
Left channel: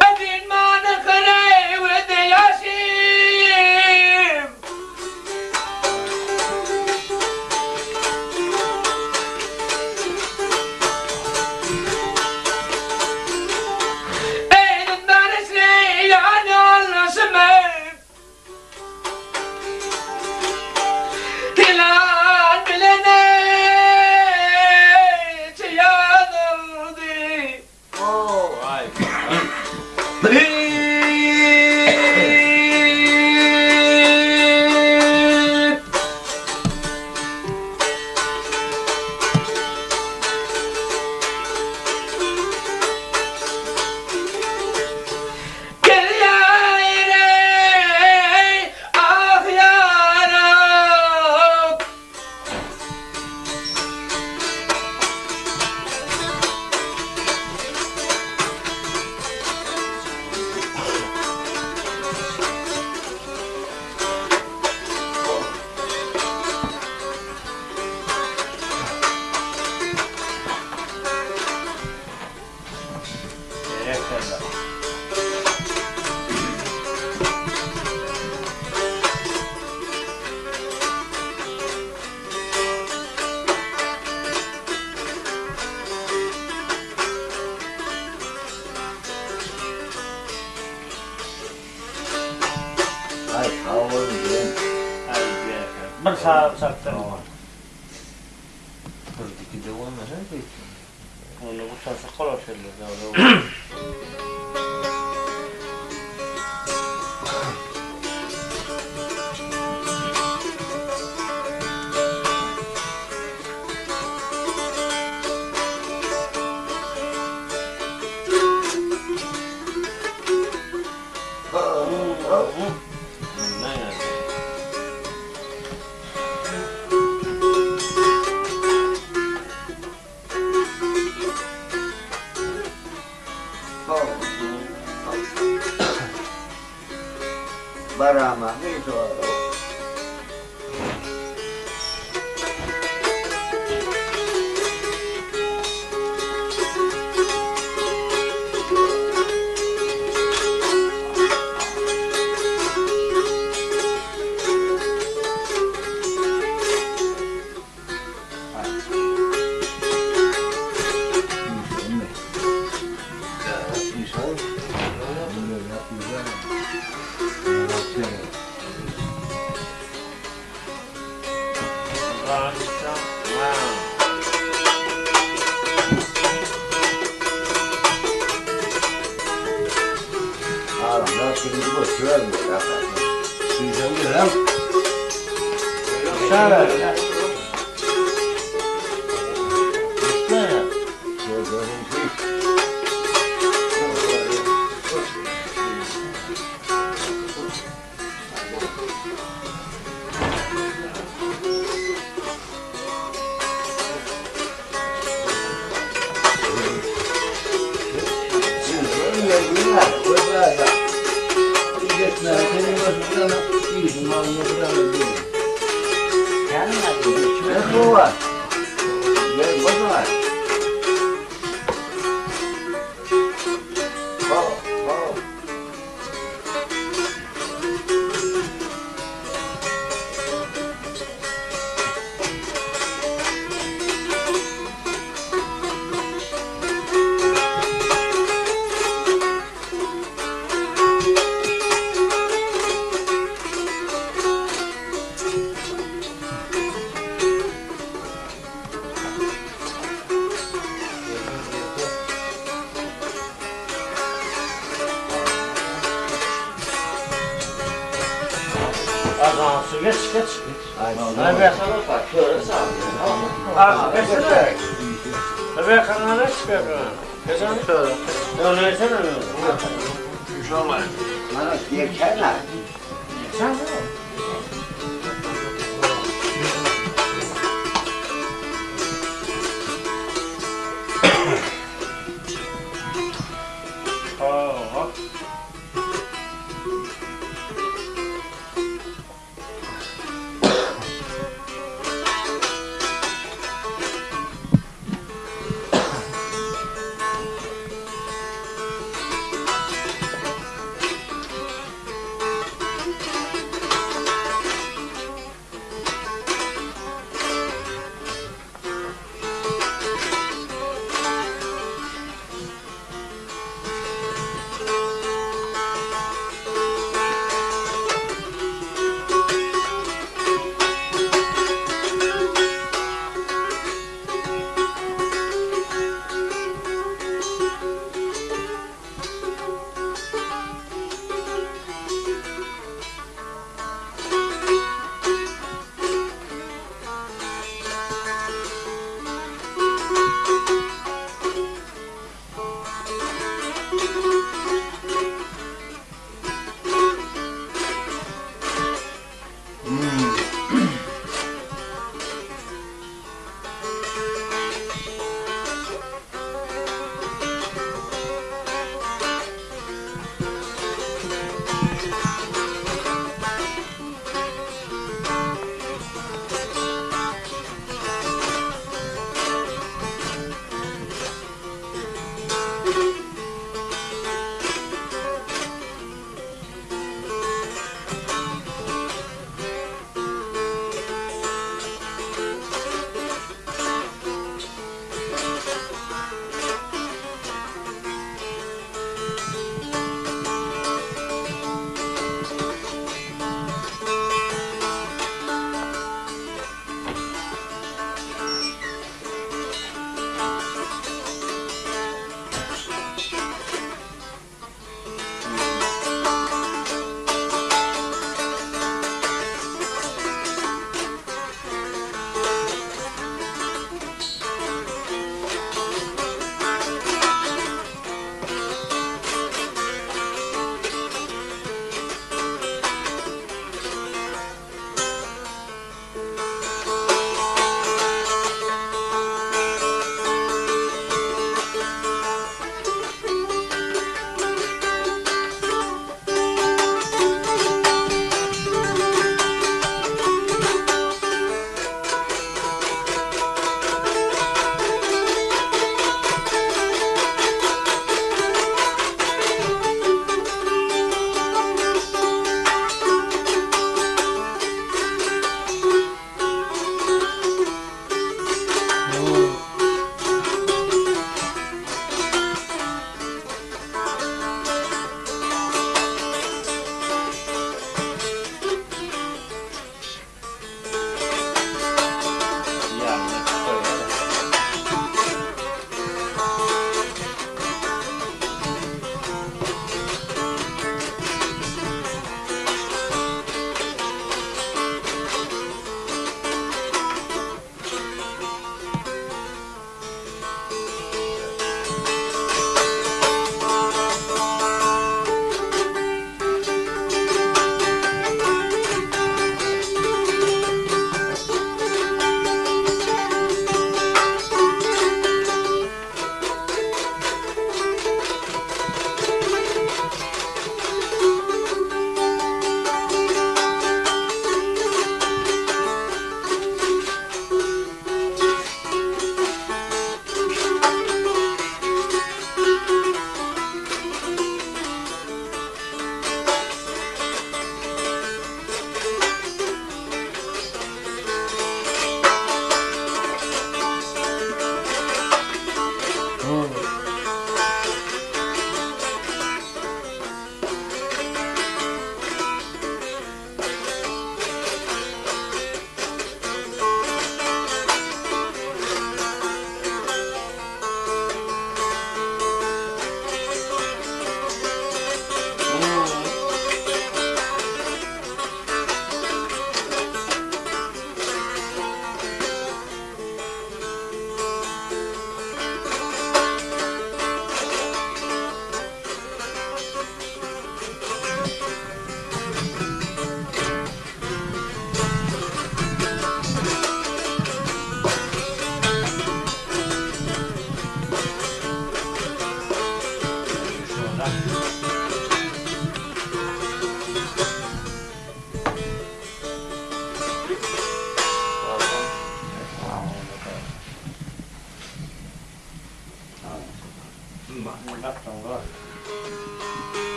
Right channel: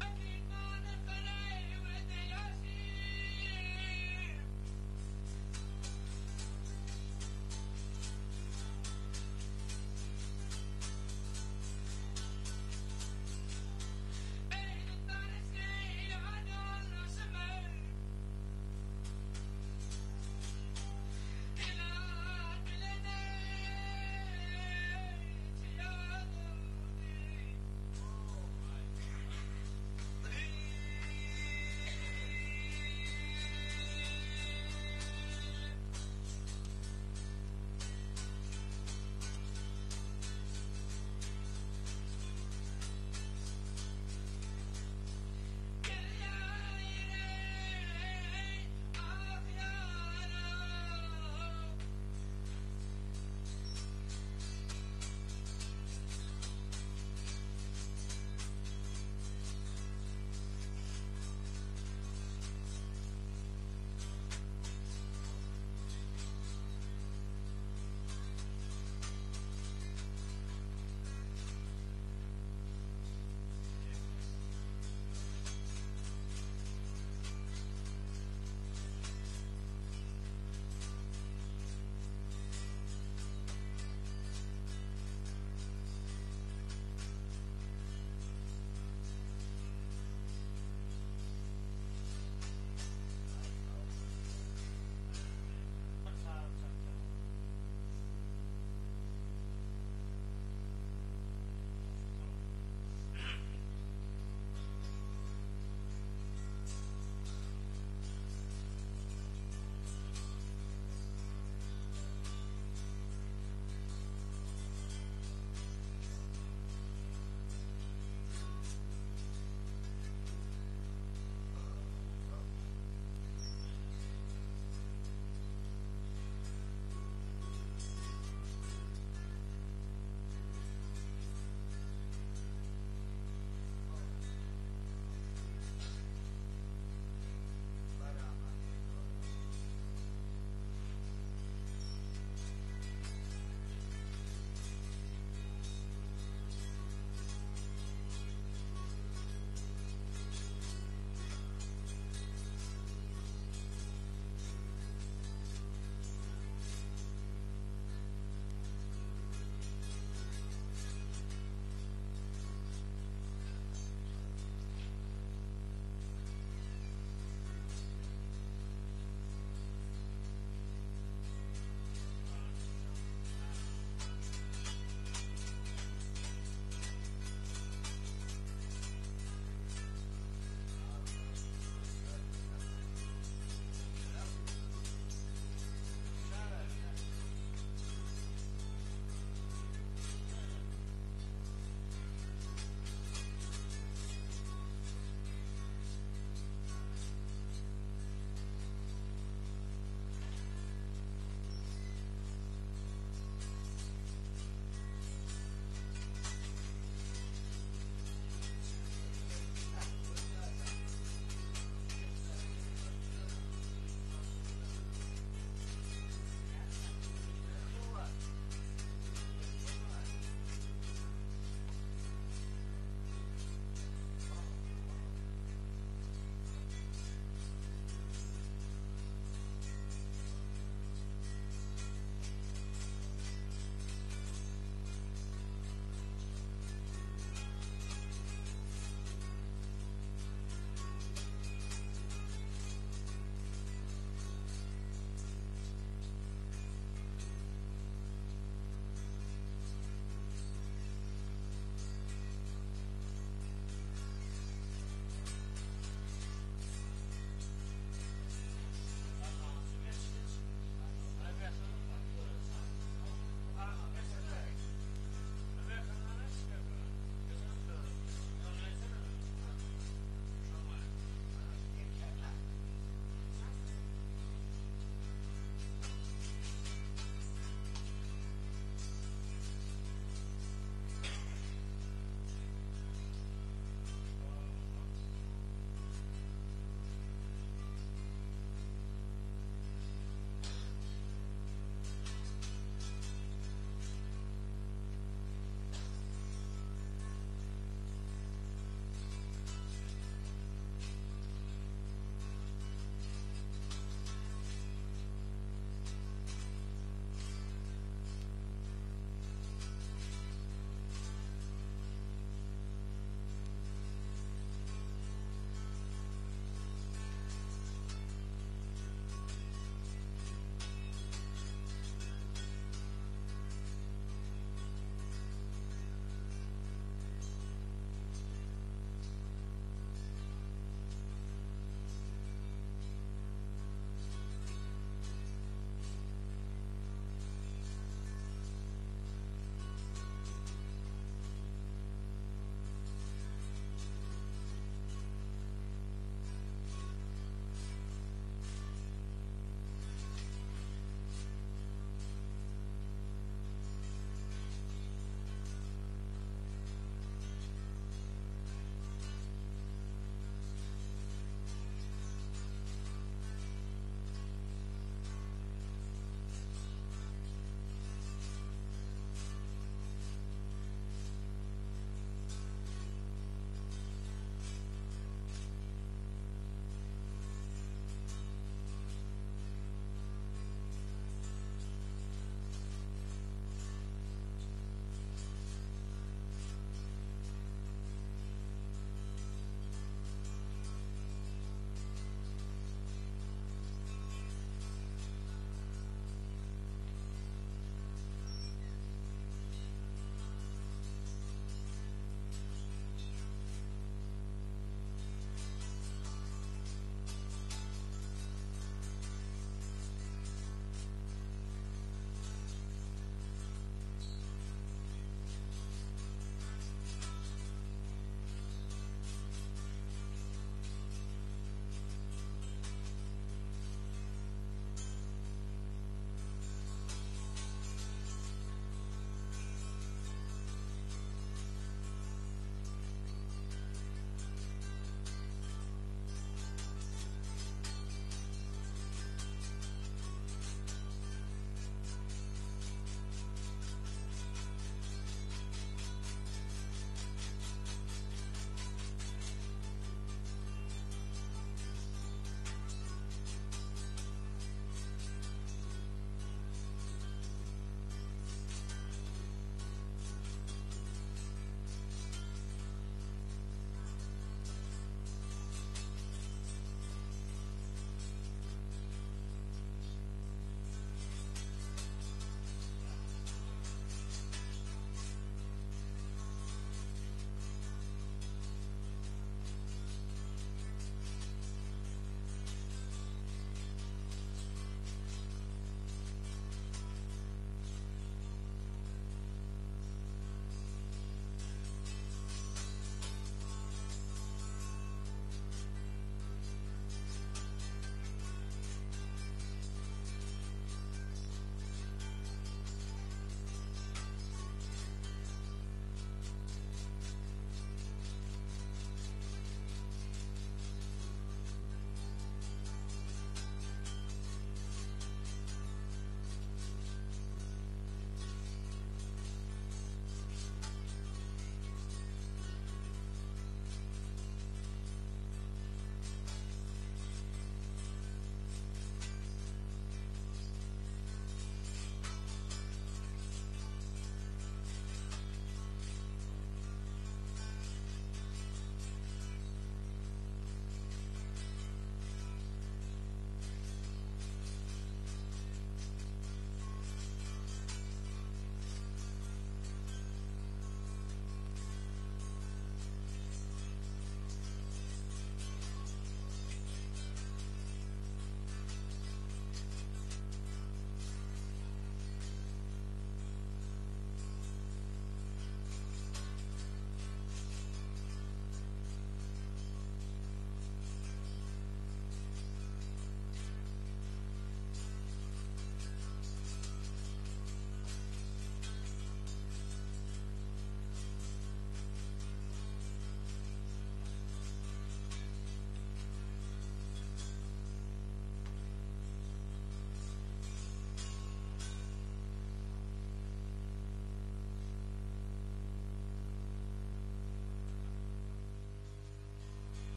Adın bana kare ve de yaşım. Eylül daresine yani anlaşımı. Hilal bilene çıyadır sağ çaktı. Buradaki de olmasa değil. Onu bu sası kolay şeyler. Ne yani? Barama neydi o? Ağlamlar şimdi boşver mi? Sizden gelen Şöyle. Bu var. Gel bu var. Azan su geç. Hadi bakalım bak şöyle sağ. Az geçsene. Tabii kanına çıkıyor. Geçen şöyle. Öyle yesene mi? Bana yekerler. Sen mi? Oh.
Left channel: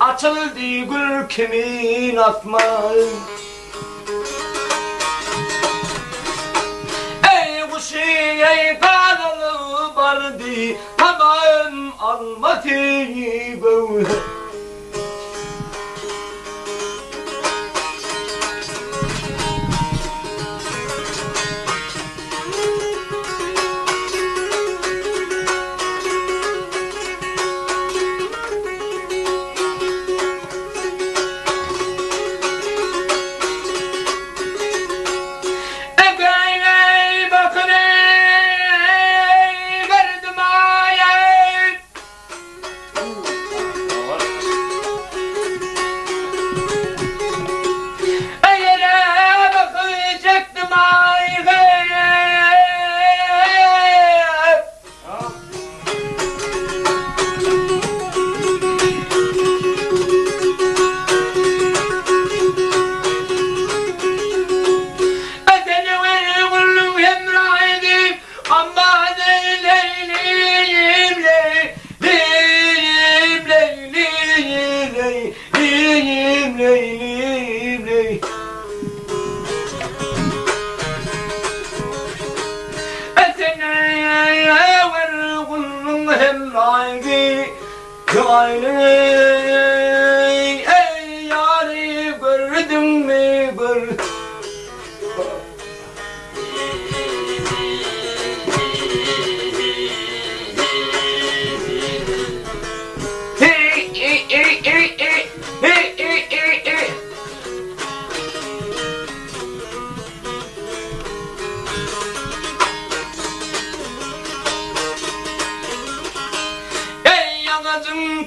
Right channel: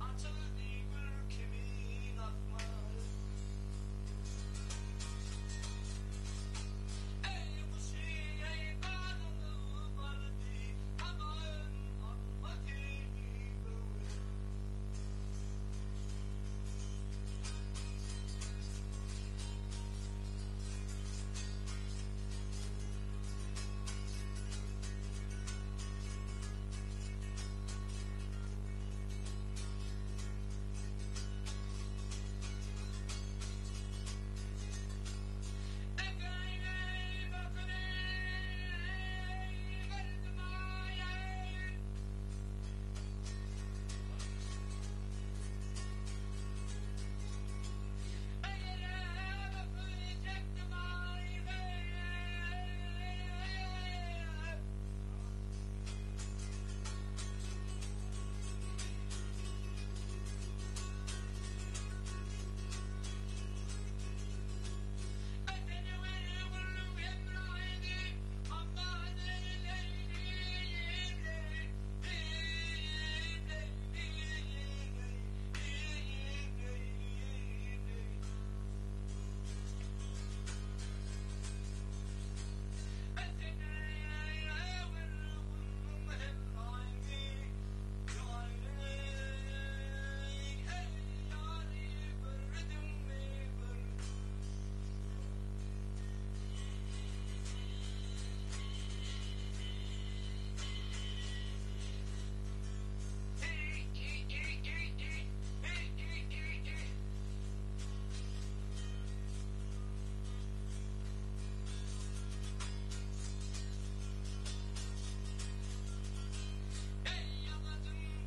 Açıldı gül kimin asmayı. Ey kuşu ey kanalı vardı tamam almadı gövde. Ey yâri gördün mü gör. Eyağacın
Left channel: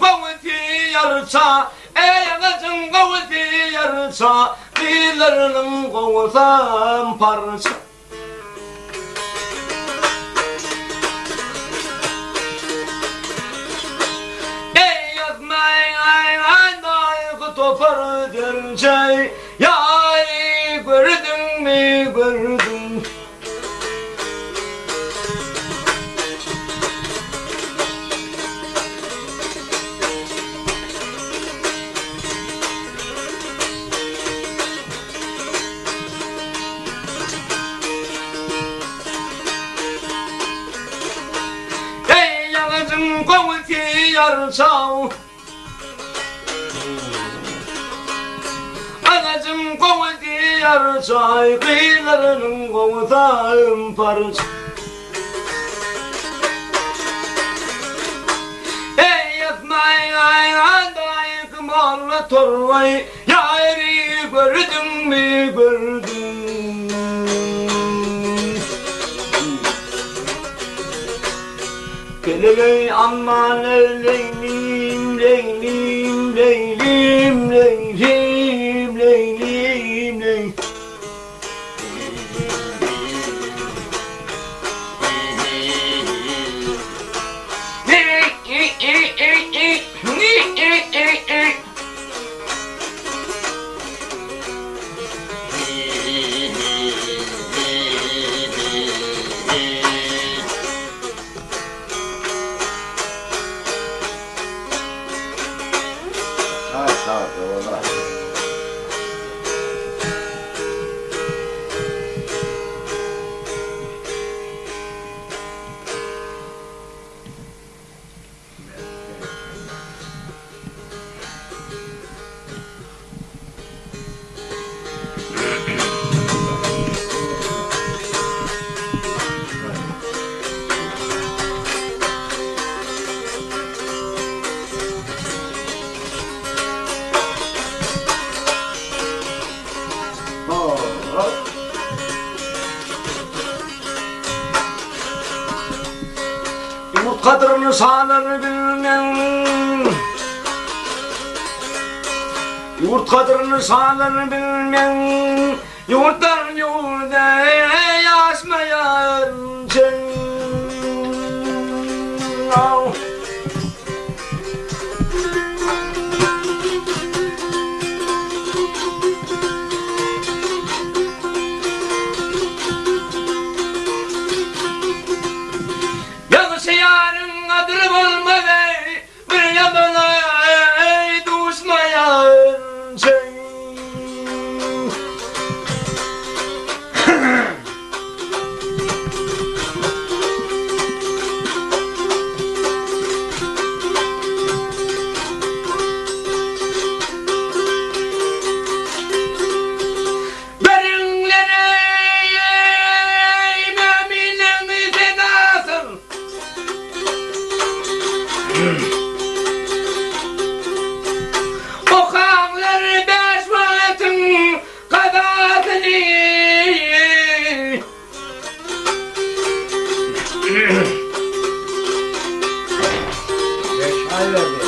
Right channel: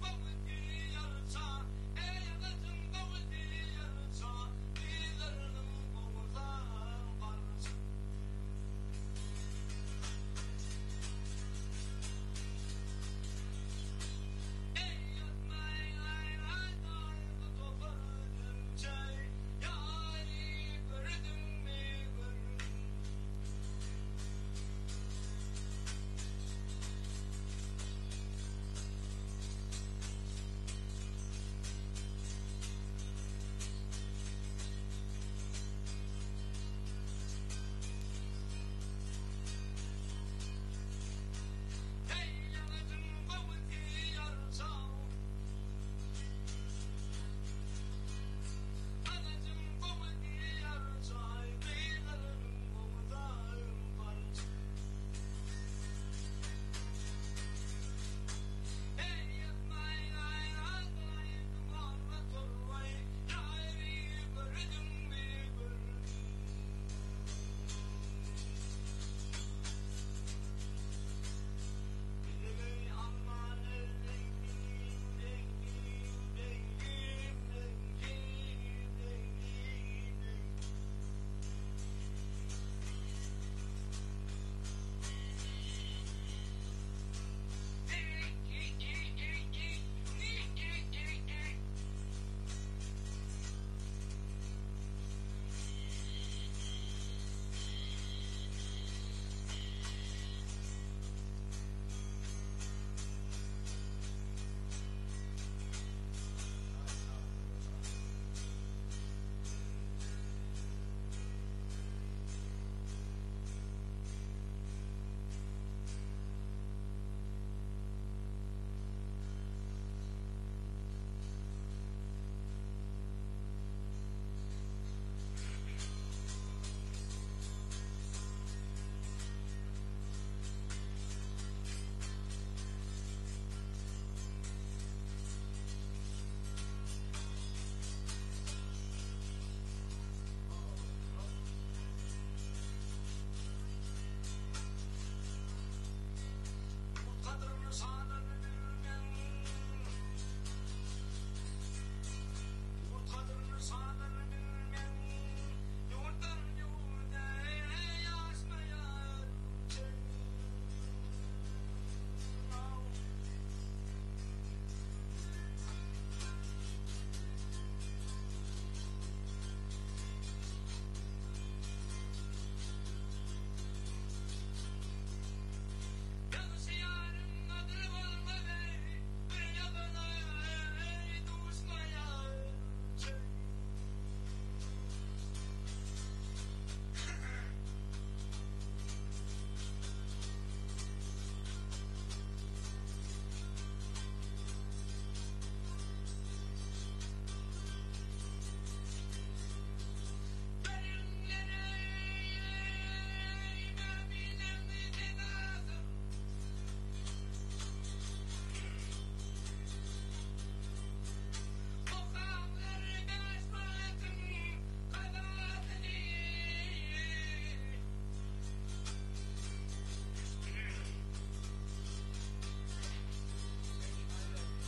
kavuşu yarıça, dillerinin kovsan parça. Ey yazmayın ay ay ay topar derce ya. yarısav. Anacım kovudu yarısav, kıyılarının kovudağım parız. Ey yatmayın ayağındayım kımarla torvay, yâri gördün mü gördün. Geley aman leylim leylim leylim leylim leylim leylim. Sağ ol, valla. Yumurt kadrini sağları bilmem. Yumurt kadrini sağları bilmem. Yumurttan yurda yaşmayan sen. Yanışı yarın adırım olmadı, bir yabana düşmayan sen. Derinlere müminlerin sedasın. Okanları beş vaktin kabahatini. Beş ay verdi.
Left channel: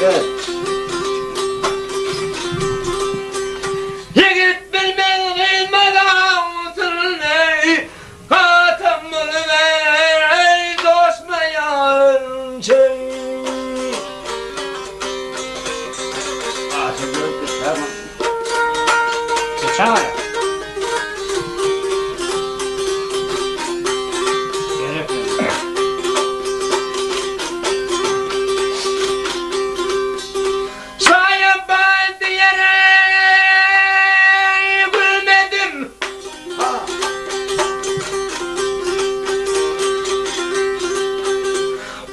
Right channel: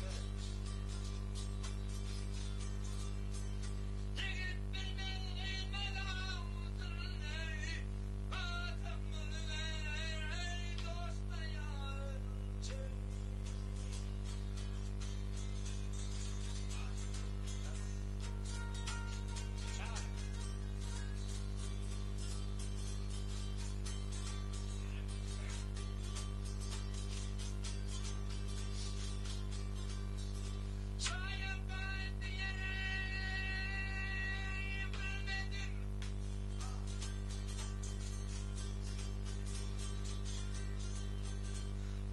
Gel. Yigit bilmez bilmeden sırrını, katamını ver dostmayan şey. Ağzı gördü, tamam. Geçen ay. Gerek yok. Sayın ben diyerek bilmedim.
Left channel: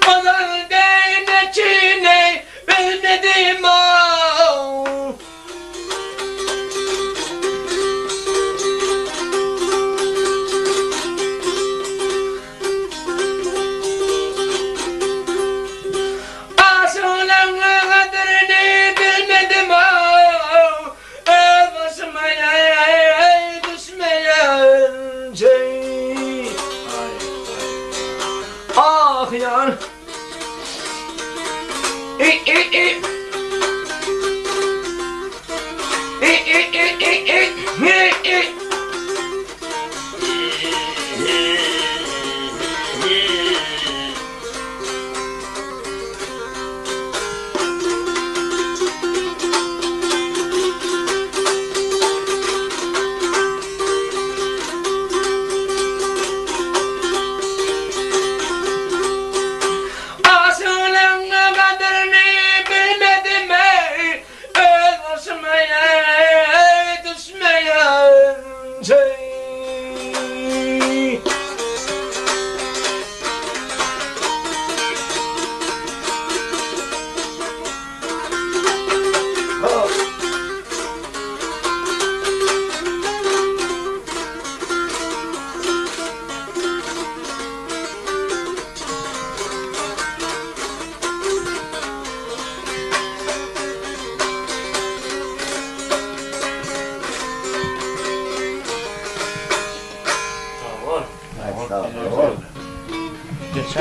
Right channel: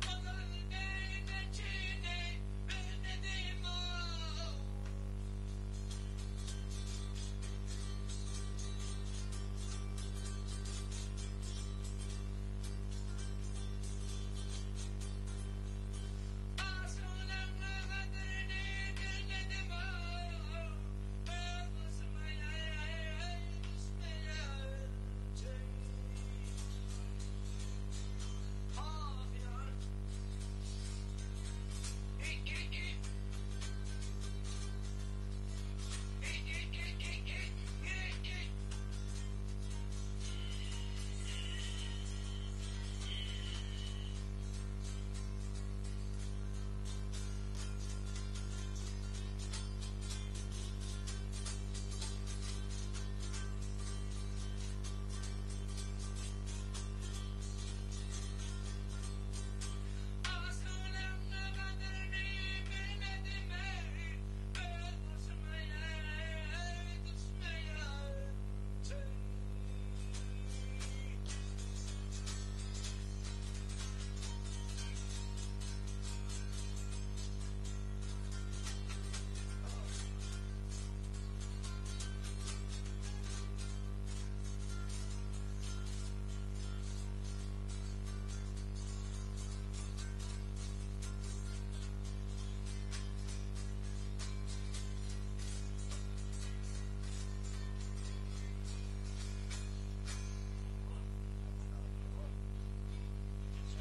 Olan değnekini bilmedim.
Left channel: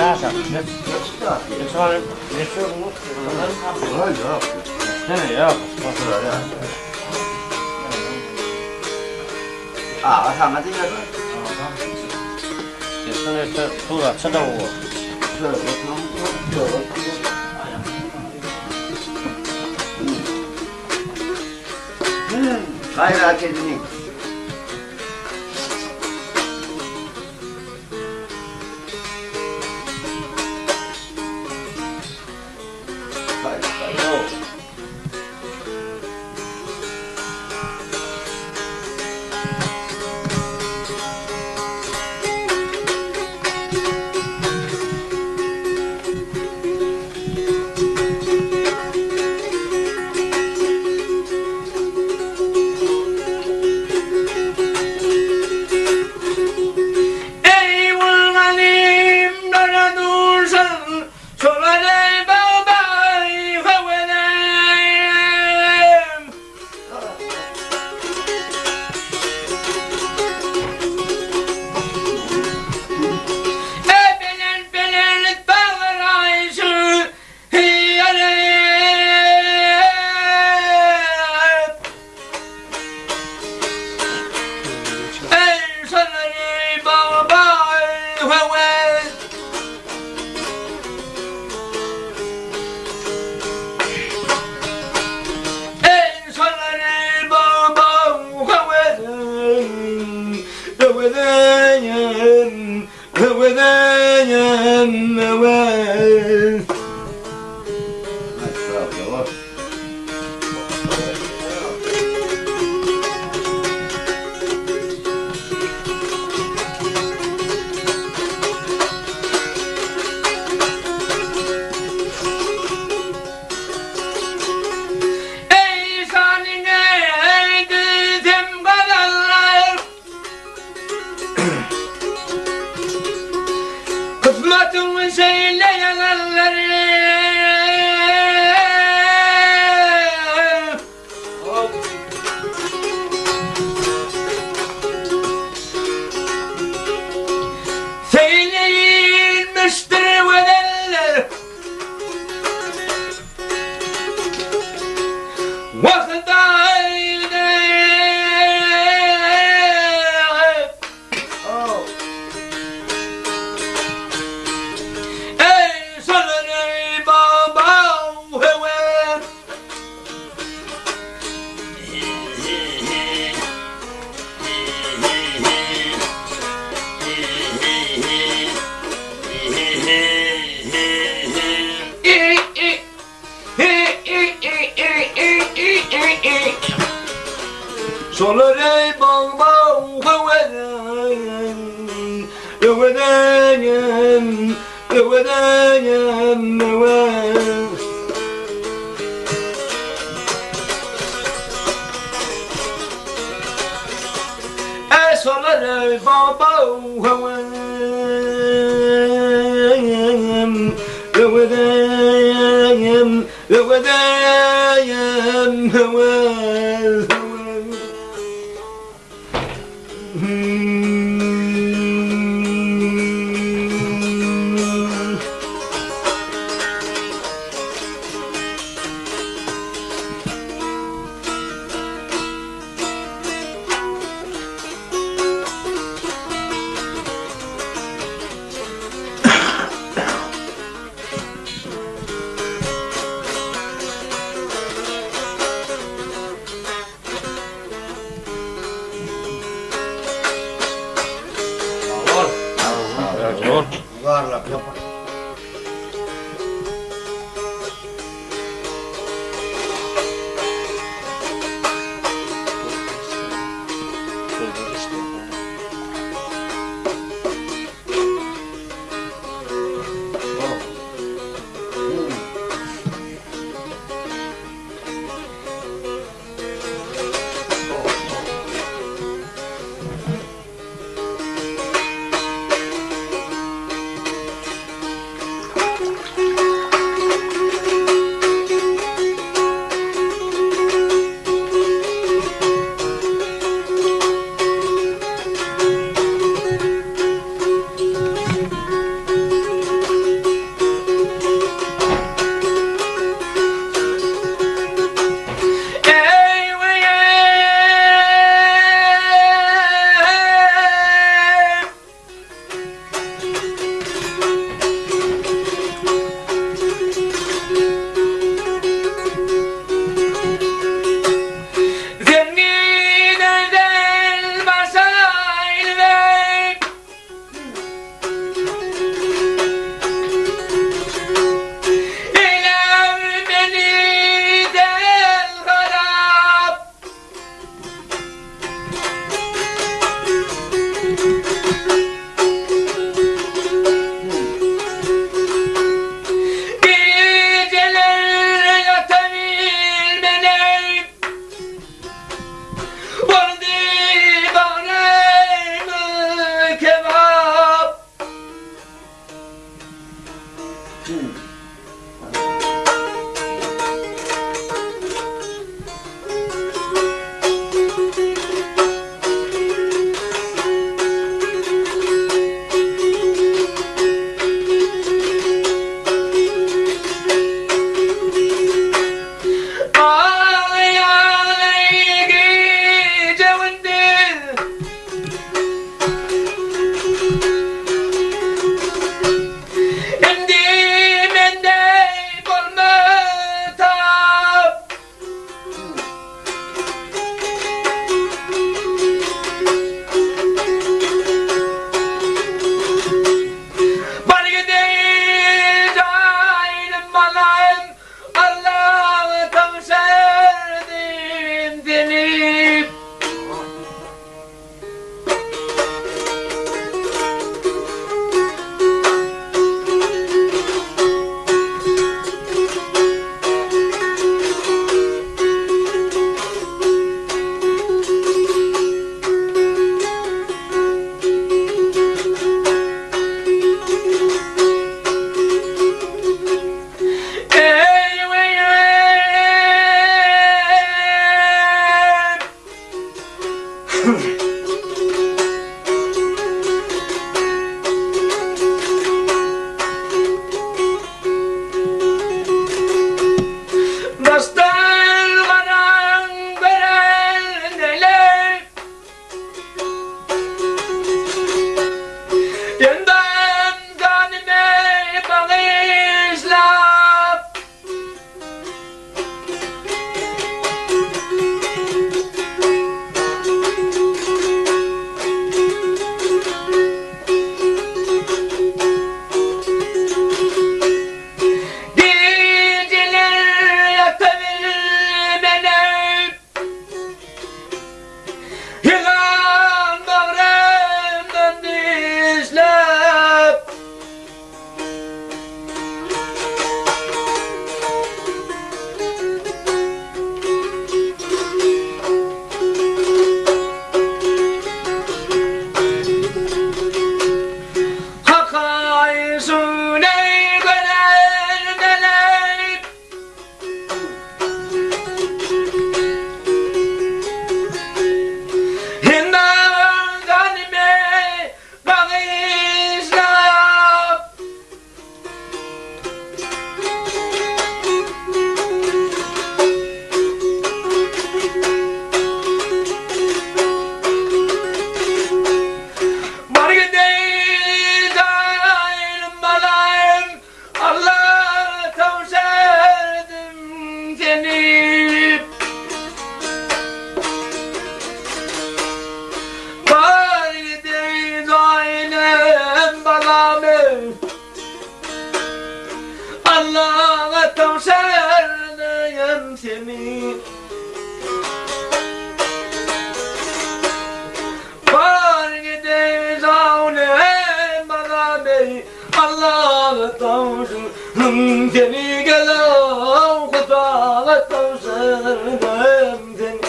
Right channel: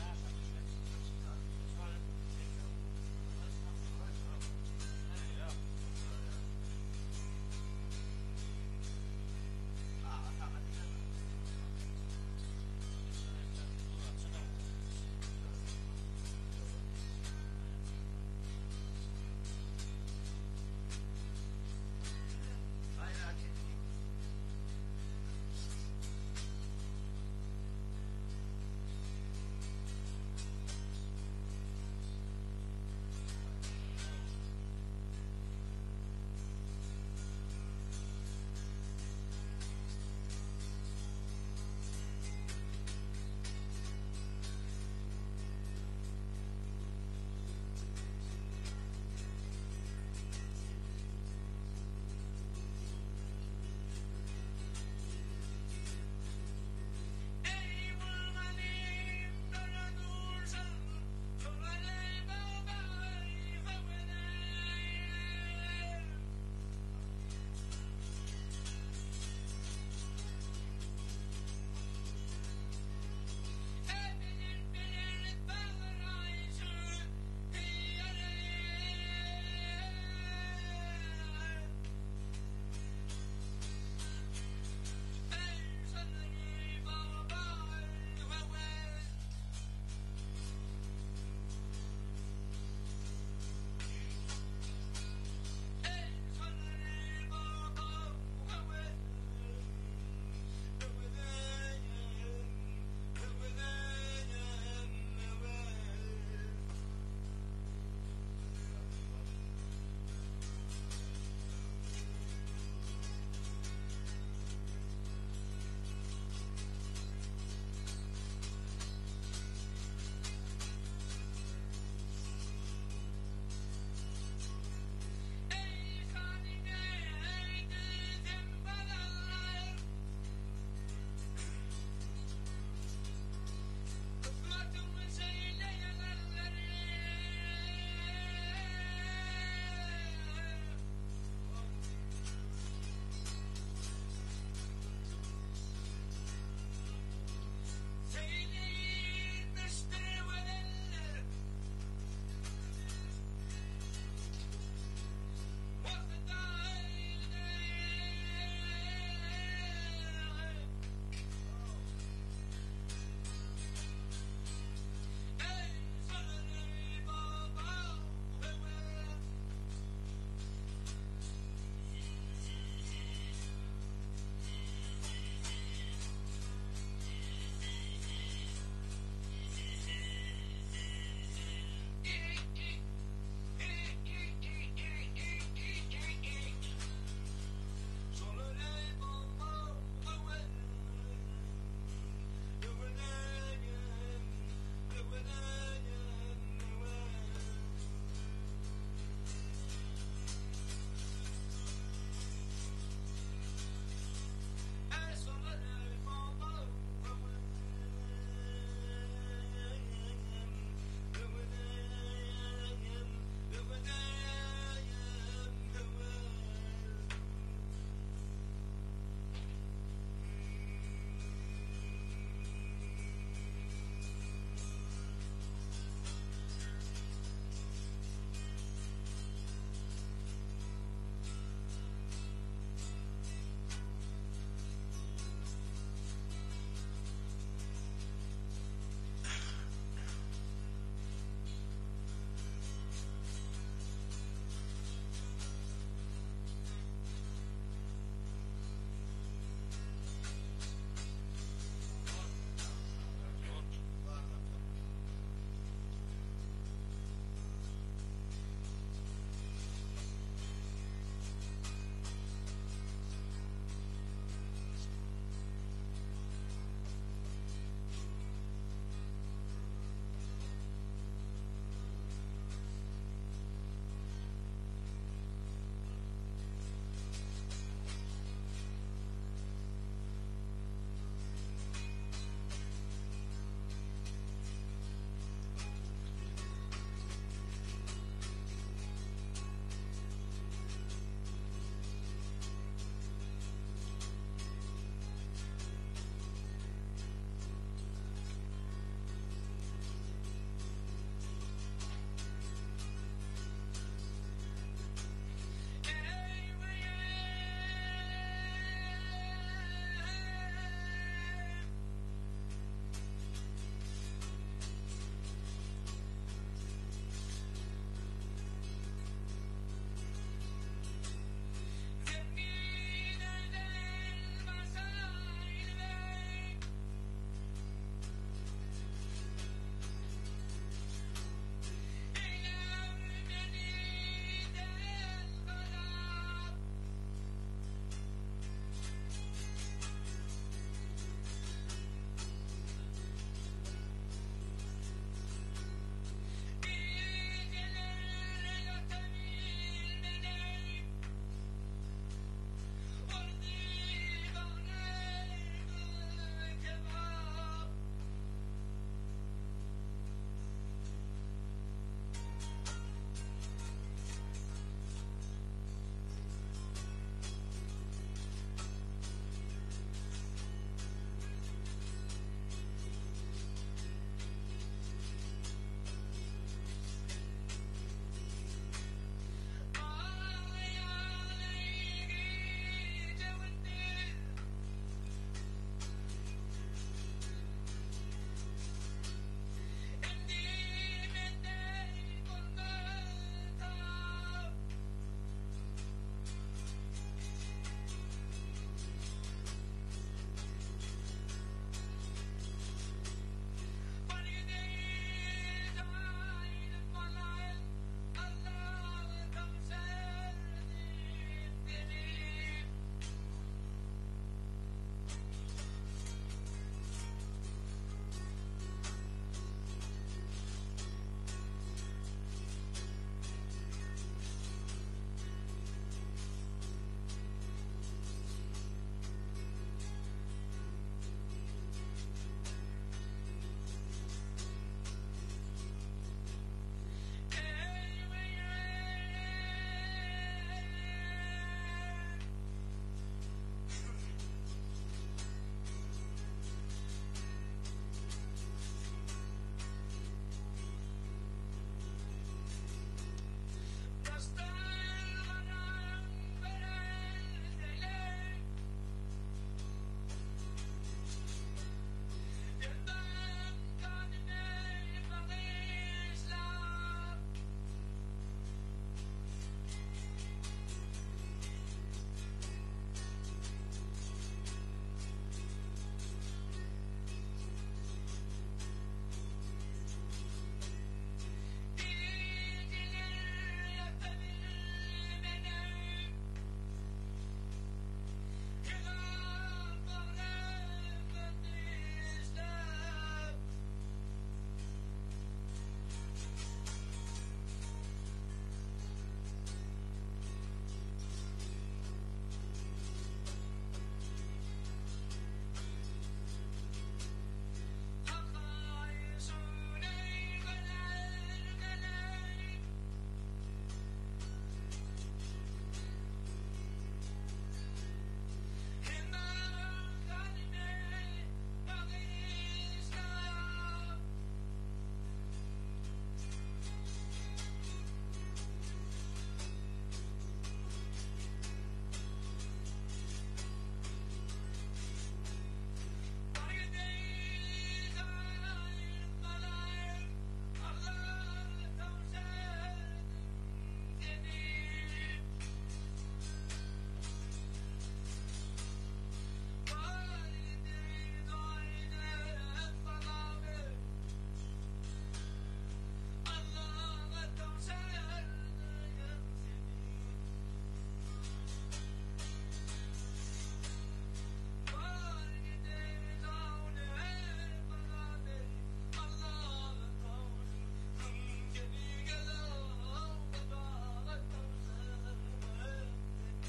Nasa. Ito ang lesyo mo. Ja. 상하지가 Ito tuwa sa daw. gayret edin. Ey vurmanim bana dursan Şoları babay havenem Belen bağır ayşı hiyalem Ey şoları babay havenem Ey şoları babay havenem Havenem Havenem havenem Ey sanine gidem kalanlar Kısmetimi söyleyenler Söyleyilmiştir vedenler Vakit ayda Ey sanırım baba hemen Solare baba hemen Hemen hemen Solare baba hemen Var gide zavne bana bey Allah'a tavşın Seni gelen kutağa tavşın seni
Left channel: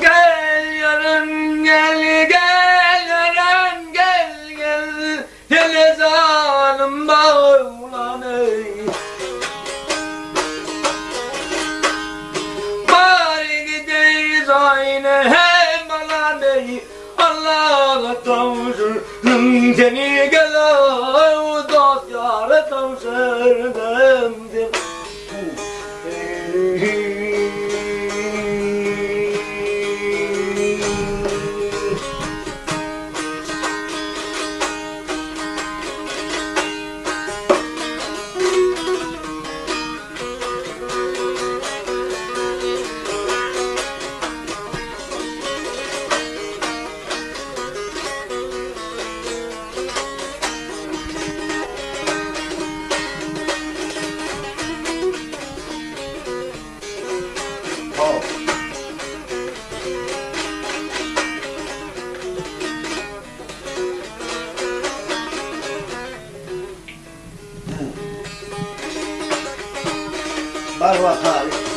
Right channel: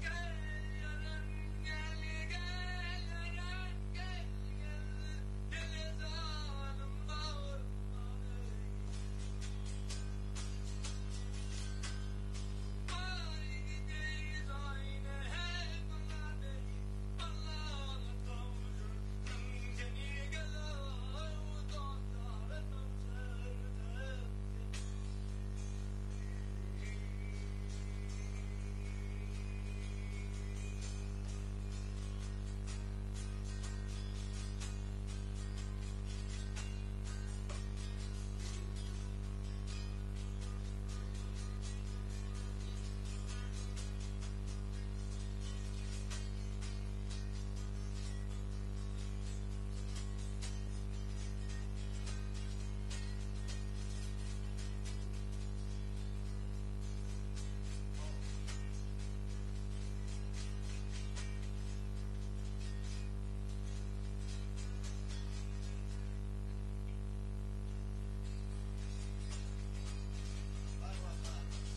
Gel yarın gel gel yarın gel gel Hele zalim bağlan ey Bari gideyiz aynı hem alan ey Allah'a tavşın Seni gel o dost yâre tavşın Var bakalım.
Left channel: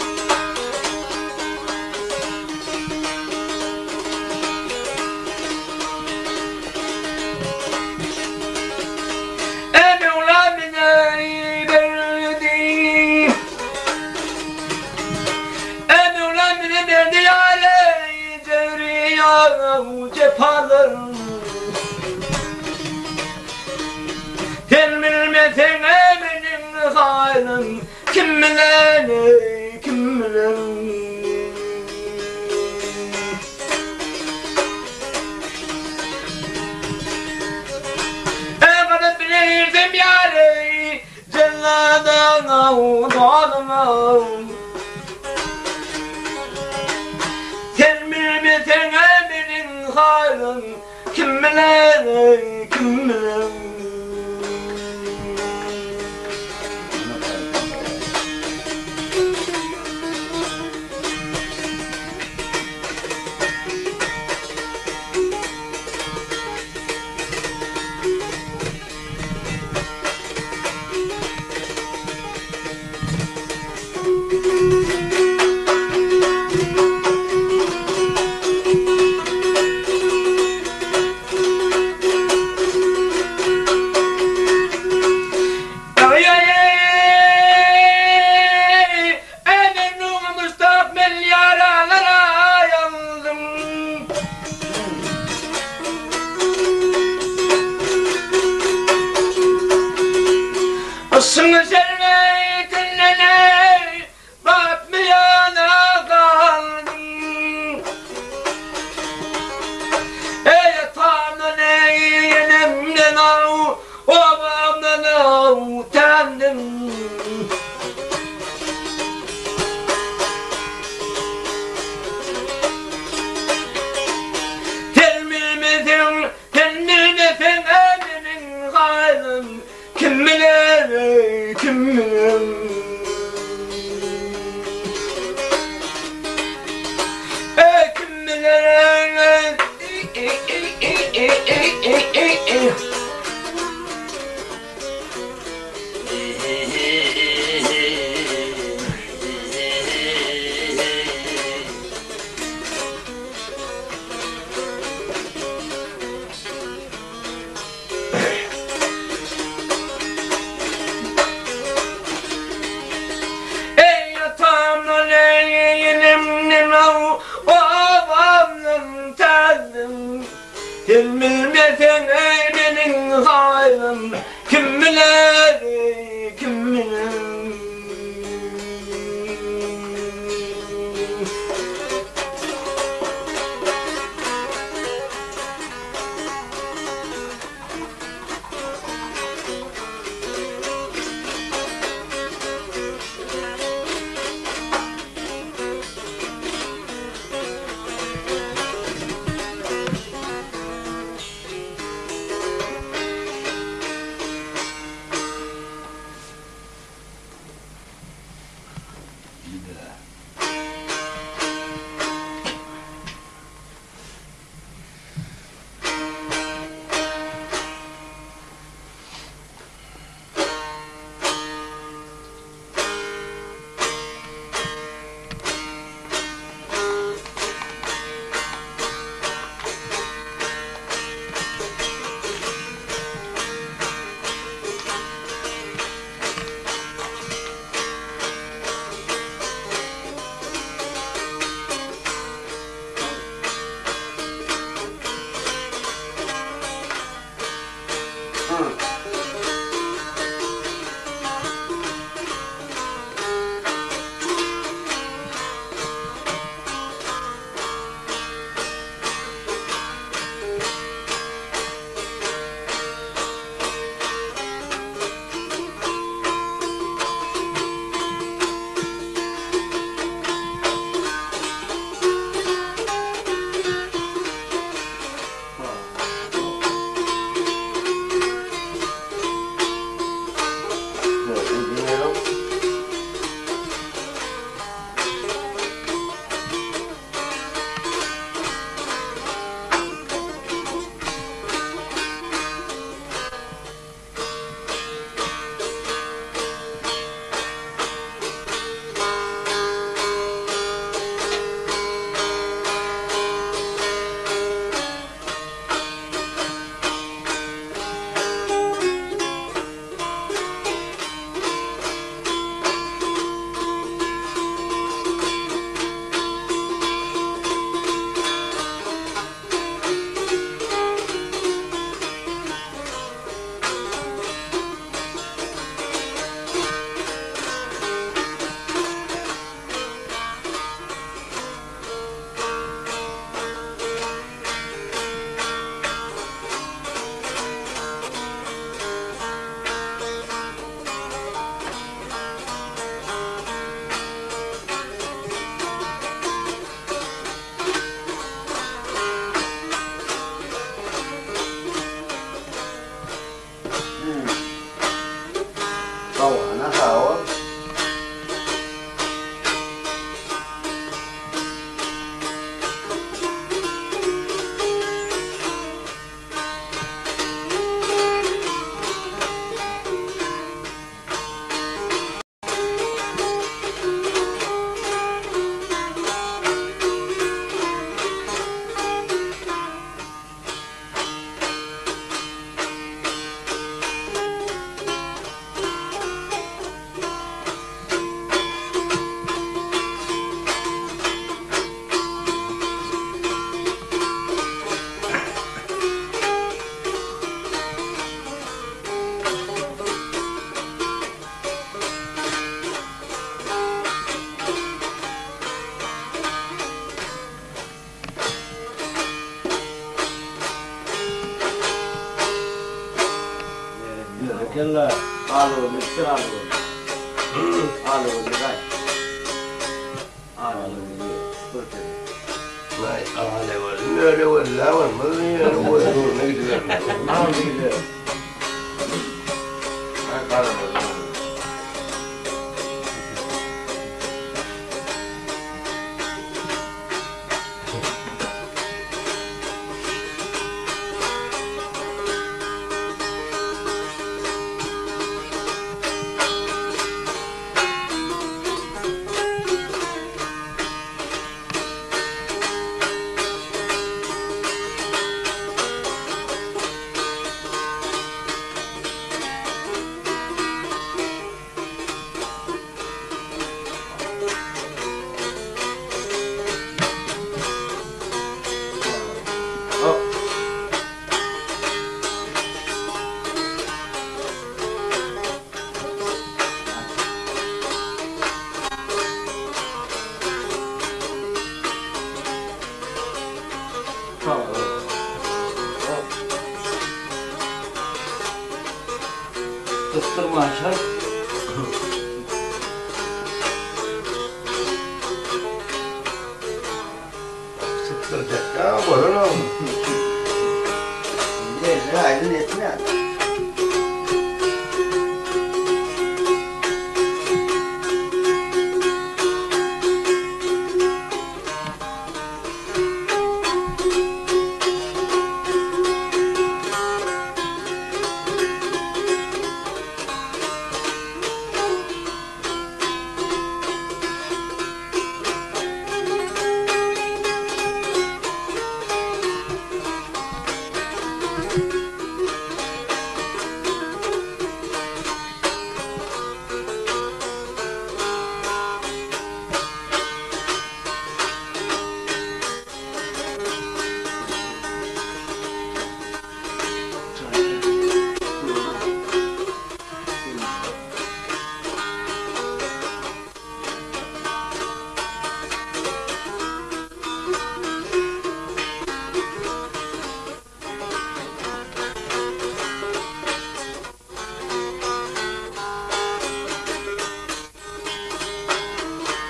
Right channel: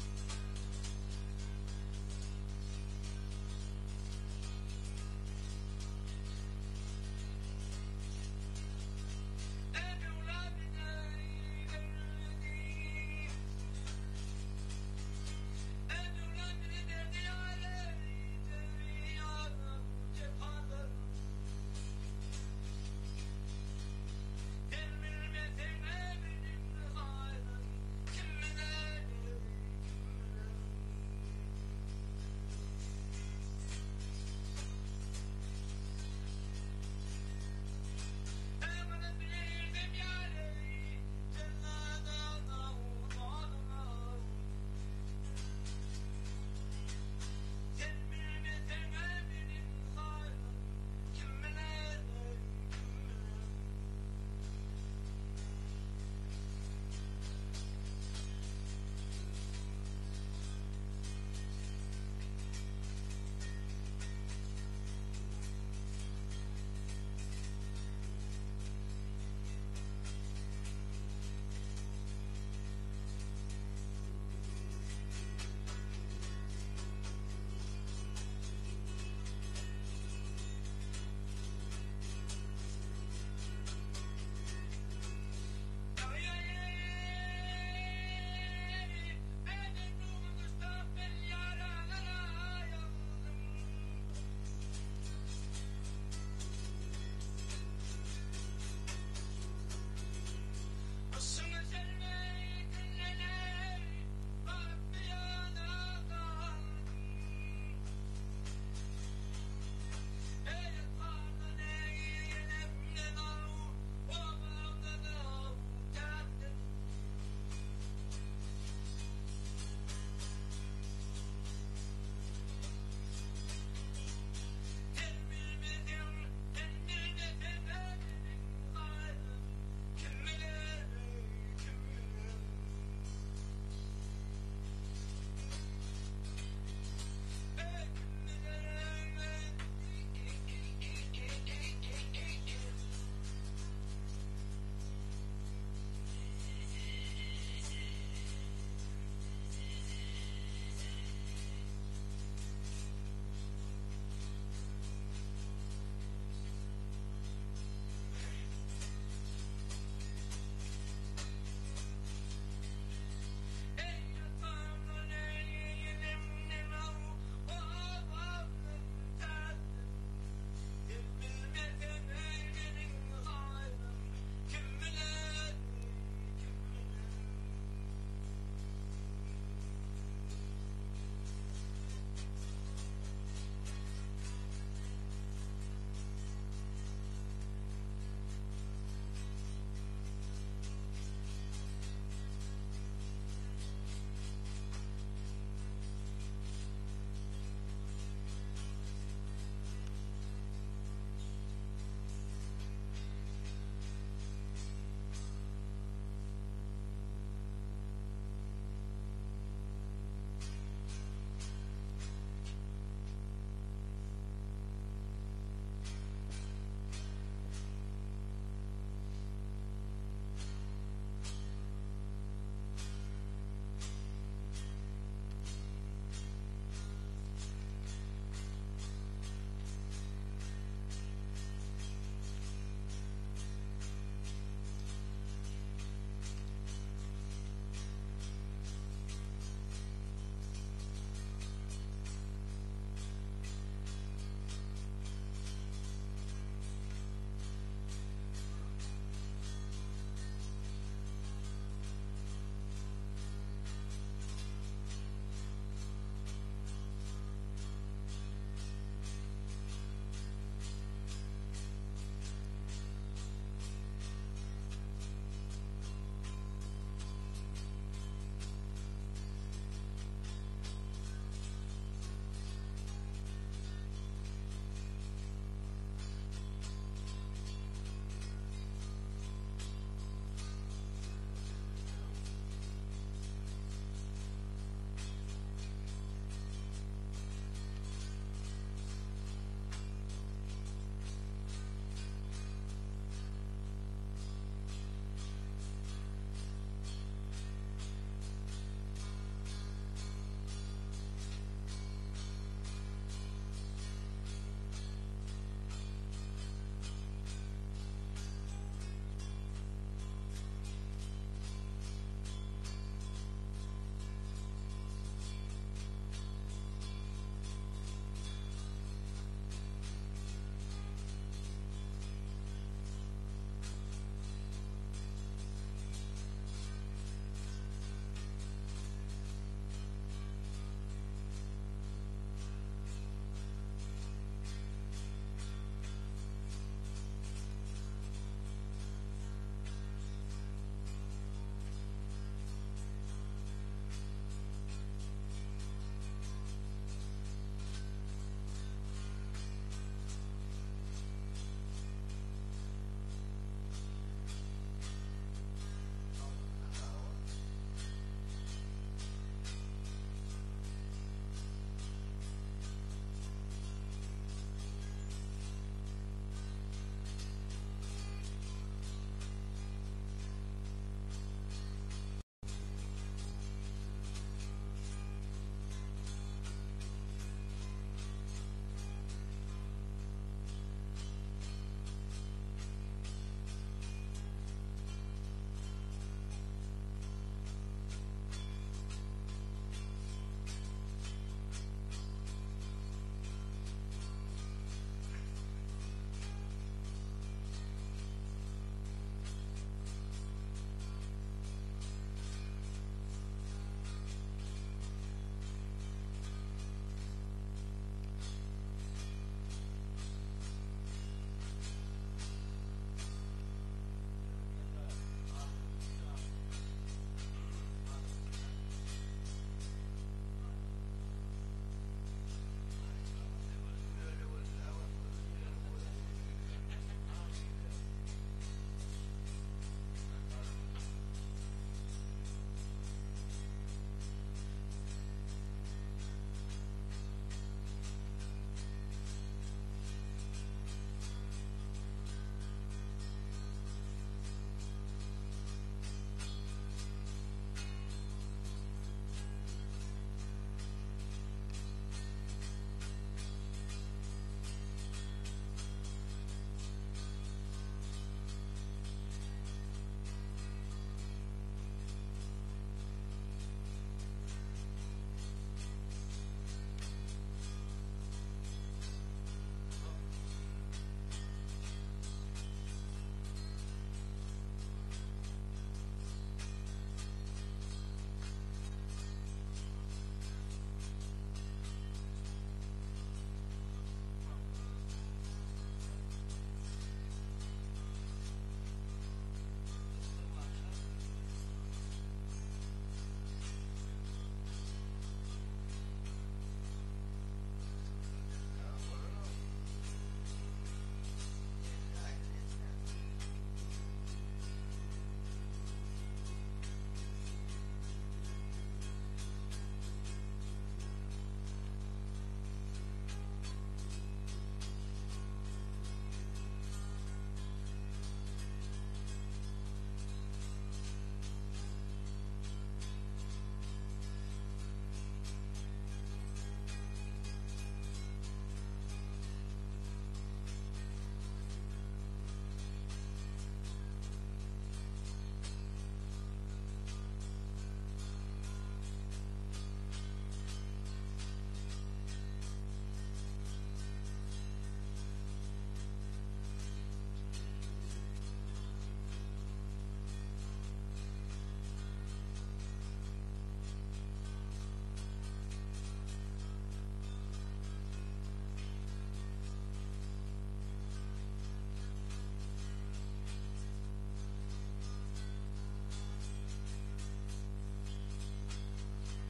Kim bilen kim bilen Bana bilirdim yâri Celladana udanma Sen bilmesen benim halim Kim bilen kim bilen Sını serme dinlene bakmayana kaldım Ey Tanrı yenemden av obamdan av utandım Telmilmedim telmilmedim emenin halim Kim bilir, kim bilir Kim bilir Bilmesen benim halim Kim bilir, kim bilir Kella Alo, Mr. Alo. Alo, dai. Alo, perché? Vai, ne var, lavan, ne var, ne gidiyor. Alo, gidiyor. Kıstırma aşağı. Sıktıracak ya, bana ne oldu? Ne aydın etme.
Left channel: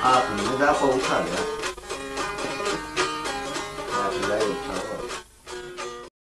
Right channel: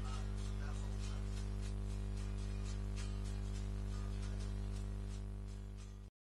Aklını da kovutar ya.